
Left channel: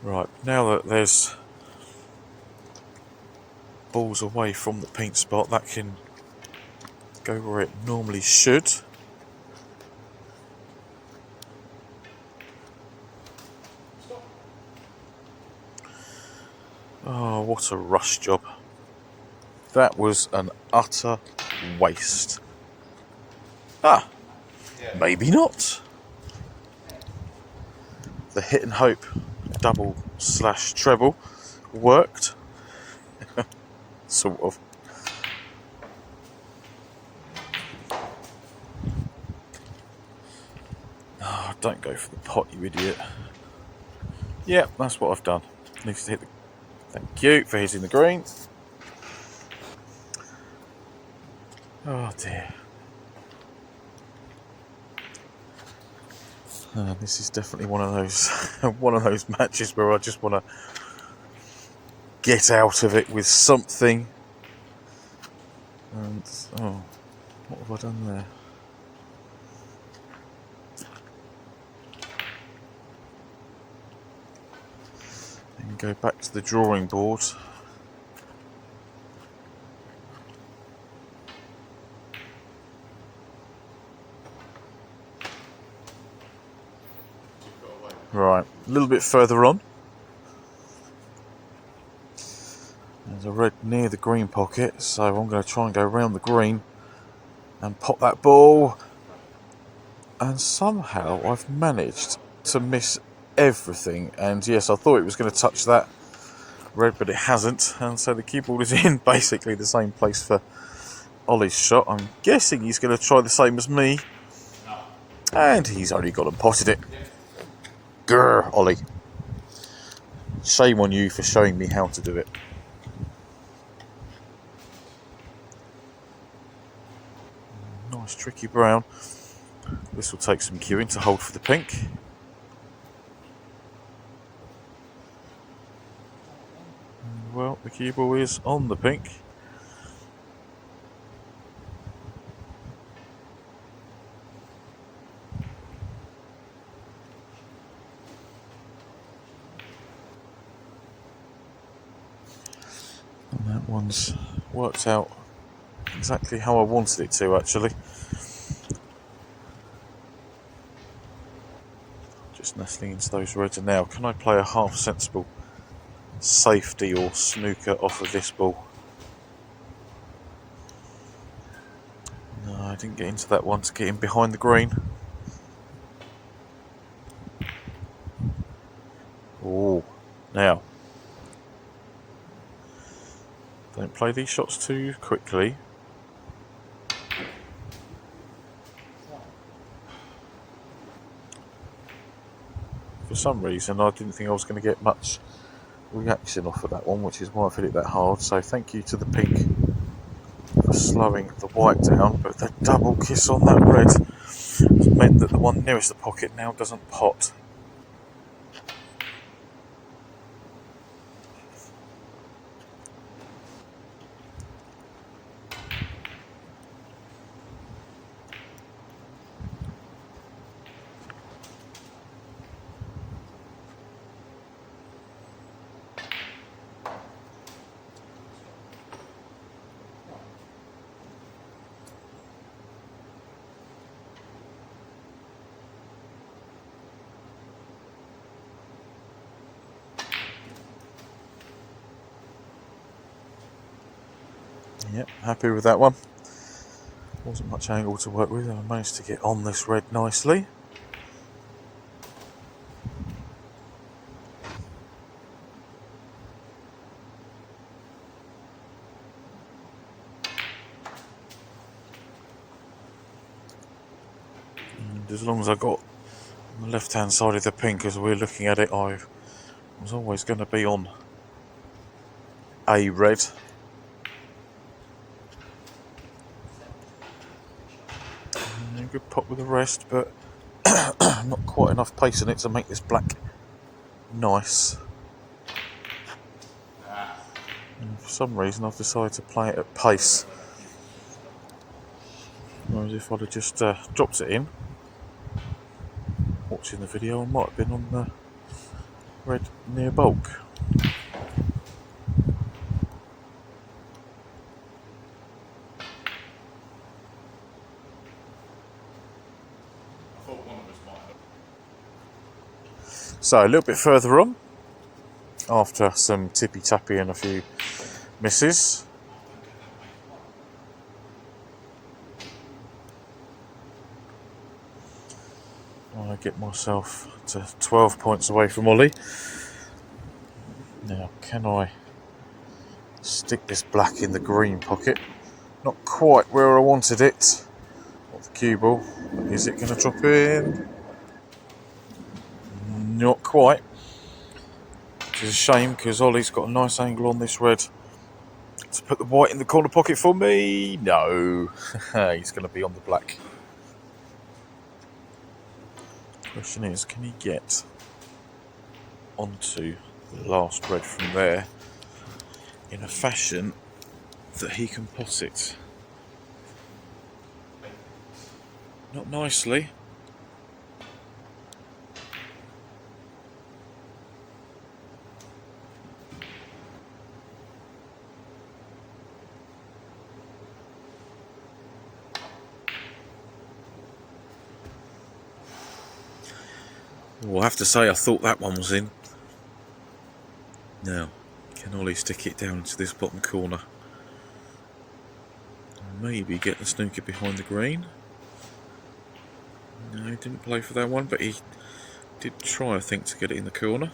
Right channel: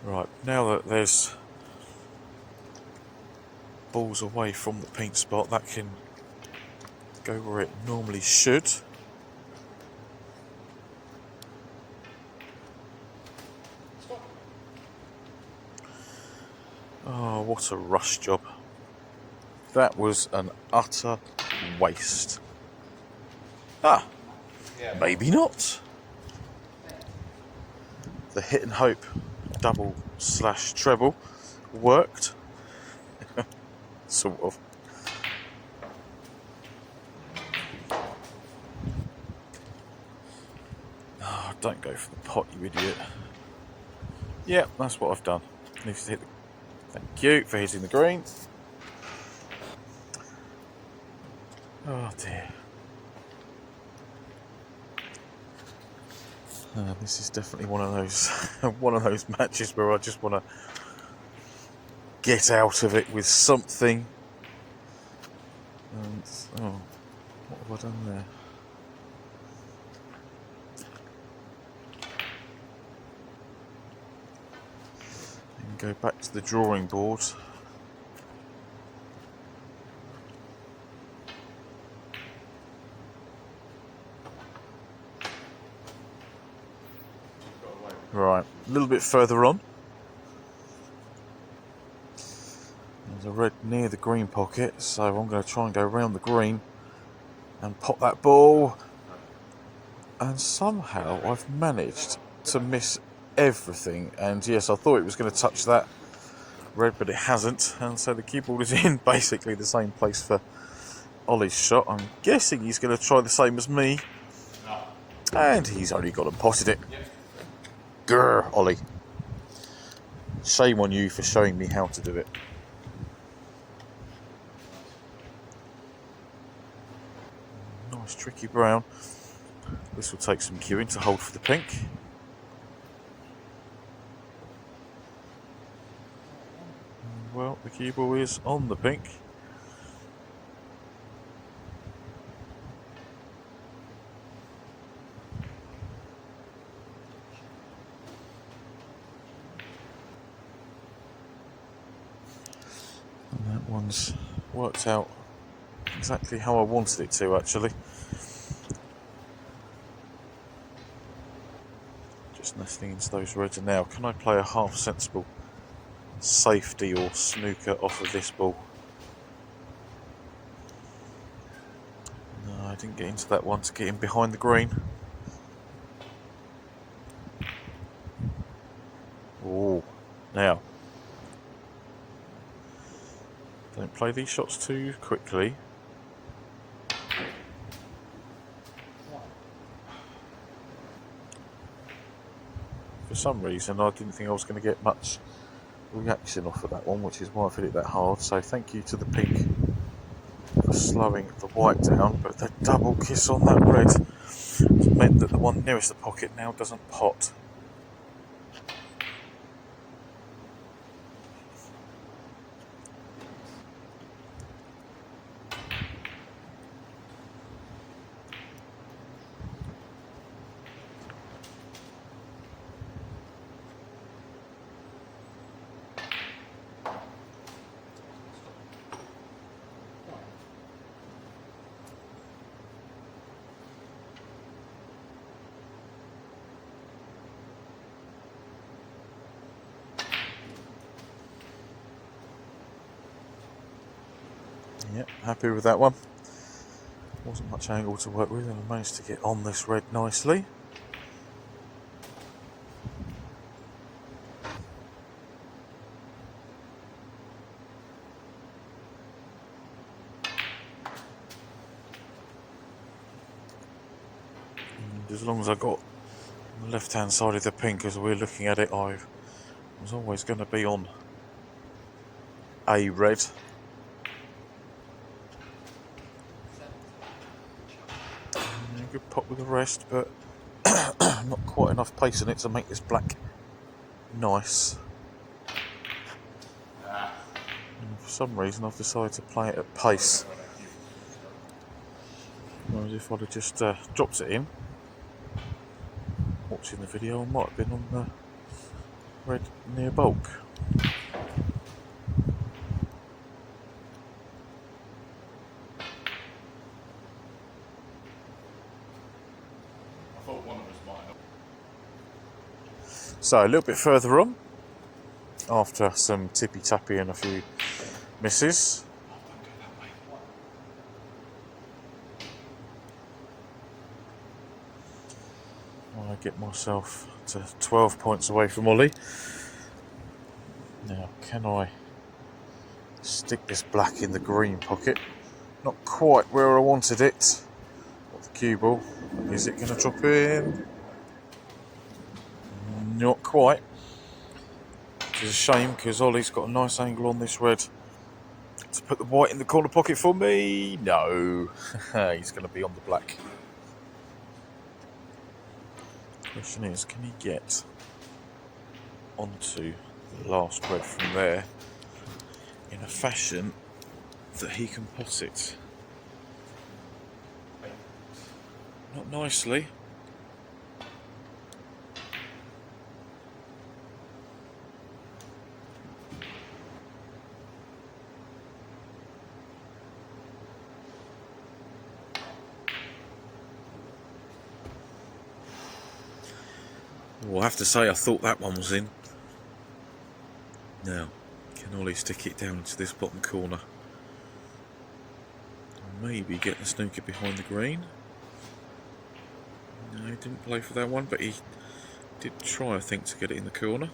Right, now that there's balls away from the pink spot, that can go where it normally should. Oh, what a rush job. That was an utter waste. Ah, maybe not. The hit and hope double / treble worked. Sort of. Oh, don't go for the pot, you idiot. Yeah, that's what I've done. Needs to hit the... Thank you for hitting the green. Oh dear. This is definitely one of those matches where I just want to get out of it with something. And oh, what have I done there? And go back to the drawing board. Right, a little bit further on. There's a red near the green pocket, so I'm going to try and go around the green and pop that ball. And somehow I've managed to miss everything. And yes, I thought it was going to touch that red, but it hasn't. And so the cue ball is in basically the same place for Ollie's shot. I'm guessing he's going to try the same as me. And he's only gone and potted it. Grr, Ollie. Shame on you for showing me how to do it. Nice tricky brown. This will take some cueing to hold for the pink. Well, the cue ball is on the pink. And that one's worked out exactly how I wanted it to, actually. Just nestling into those reds. And now, can I play a half sensible safety or snooker off of this ball? No, I didn't get into that one to get in behind the green. Oh, now, don't play these shots too quickly. For some reason, I didn't think I was going to get much reaction off of that one, which is why I've hit it that hard. So thank you to the pink for slowing the white down, but the double kiss on that red It's meant that the one nearest the pocket now doesn't pot. Yep, happy with that one. Wasn't much angle to work with, and I managed to get on this red nicely. And as long as I got on the left hand side of the pink as we're looking at it, I was always going to be on a red. Good pop with the rest, but not quite enough pace in it to make this black nice. And for some reason I've decided to play it at pace. Whereas if I'd have just dropped it in, watching the video, I might have been on the red near bulk. So a little bit further on, after some tippy tappy and a few misses, I get myself to 12 points away from Ollie. Now, can I stick this black in the green pocket? Not quite where I wanted it. The cue ball. Is it going to drop in? Not quite. Which is a shame, because Ollie's got a nice angle on this red to put the white in the corner pocket for me. No. He's going to be on the black. Question is, can he get onto the last red from there in a fashion that he can pot it? Not nicely. Well, I have to say I thought that one was in. Now, can Ollie stick it down into this bottom corner? Maybe get the snooker behind the green. No, he didn't play for that one, but he did try, I think, to get it in the corner.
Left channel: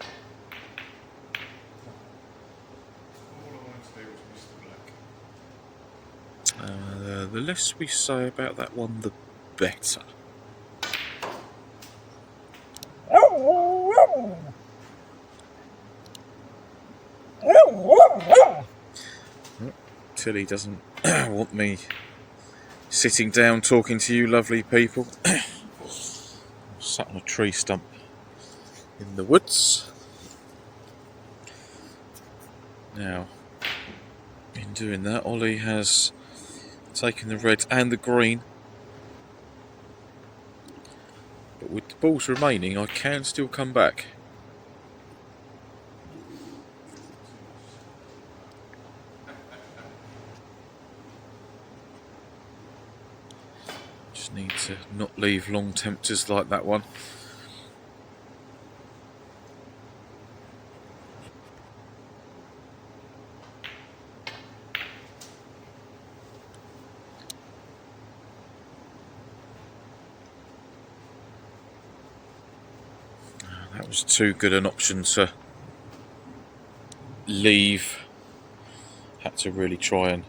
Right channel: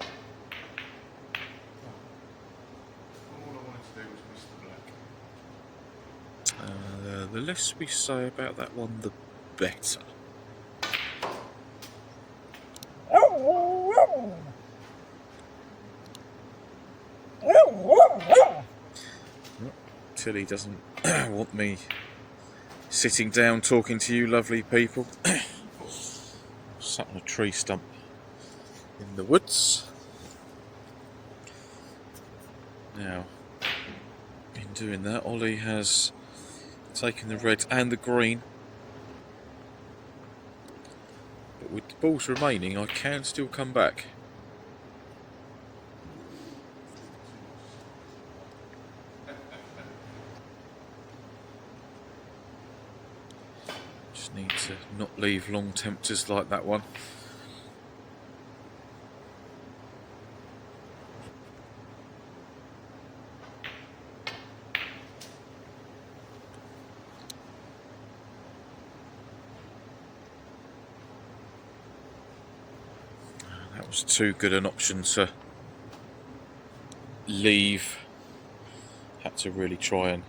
All I wanted to do was miss the black. The less we say about that one, the better. Tilly doesn't want me sitting down talking to you lovely people. Sat on a tree stump in the woods. Now, in doing that, Ollie has taken the red and the green. But with the balls remaining, I can still come back. Just need to not leave long tempters like that one. That was too good an option to leave. Had to really try and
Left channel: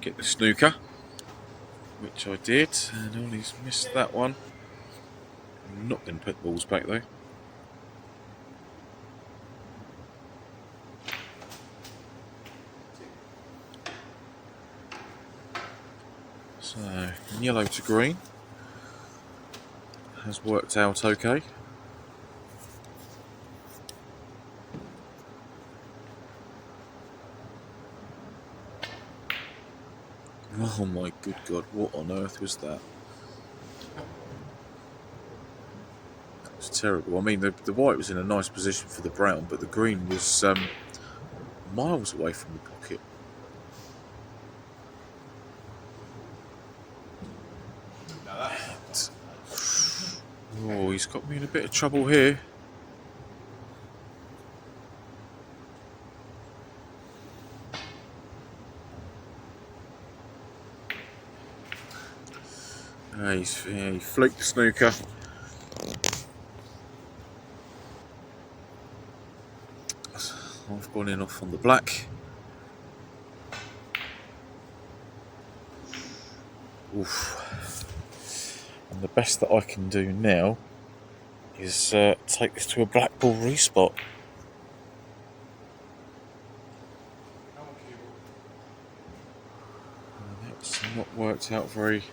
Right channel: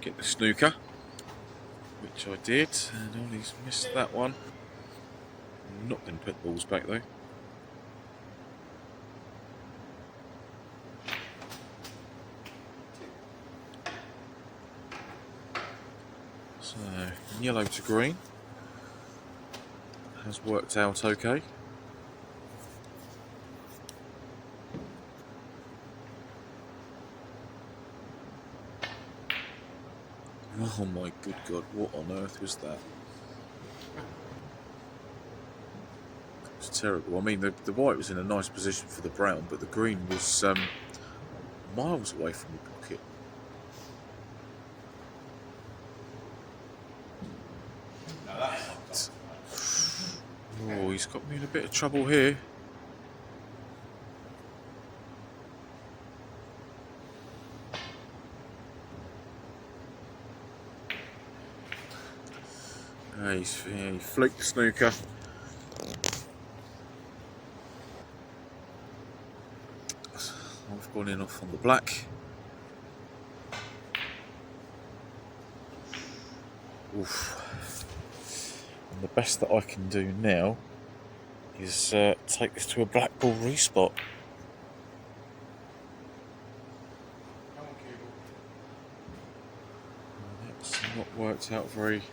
get the snooker, which I did, and Ollie's missed that one. I'm not going to put the balls back though. yellow to green has worked out okay. Oh my good God, what on earth was that? It's terrible. I mean, the white was in a nice position for the brown, but the green was miles away from the pocket. Oh, he's got me in a bit of trouble here. He fluked the snooker. I've gone in off on the black. Oof. And the best that I can do now is take this to a black ball respot. It's not worked out very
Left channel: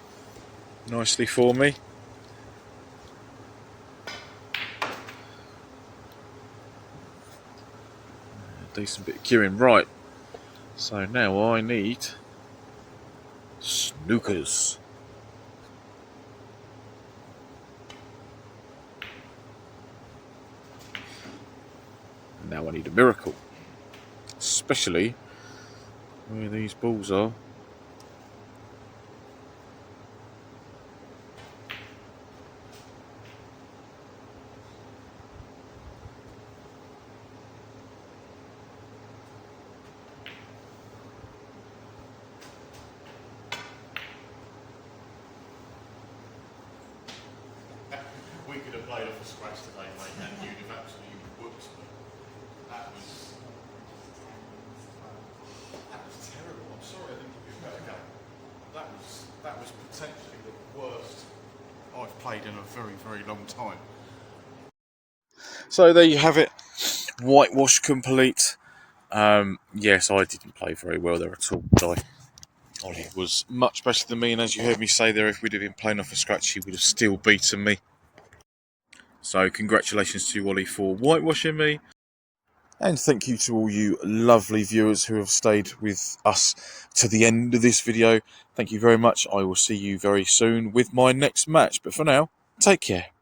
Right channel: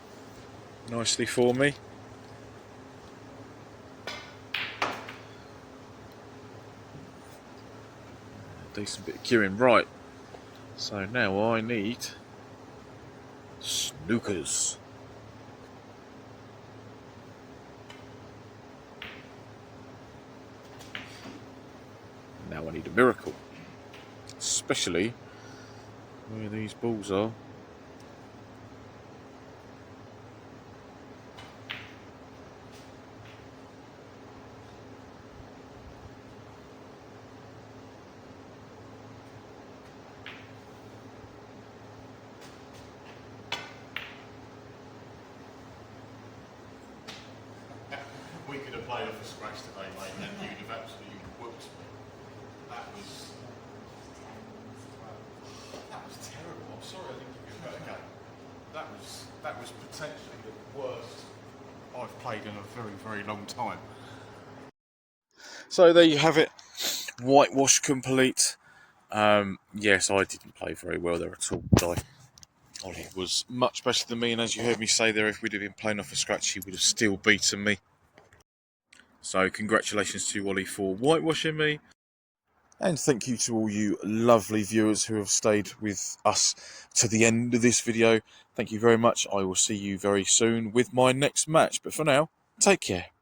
nicely for me. A decent bit of cueing, right. So now I need snookers. And now I need a miracle. Especially where these balls are. We could have played off a scratch today, mate, and you'd have absolutely whooped me. That was terrible. I'm sorry I didn't give you a better game. That was potentially the worst I've played in a very, very long time. So there you have it. Whitewash complete. Yes, I didn't play very well there at all. Ollie was much better than me, and as you heard me say there, if we'd have been playing off a scratch, he would have still beaten me. So congratulations to Ollie for whitewashing me. And thank you to all you lovely viewers who have stayed with us to the end of this video. Thank you very much. I will see you very soon with my next match. But for now, take care.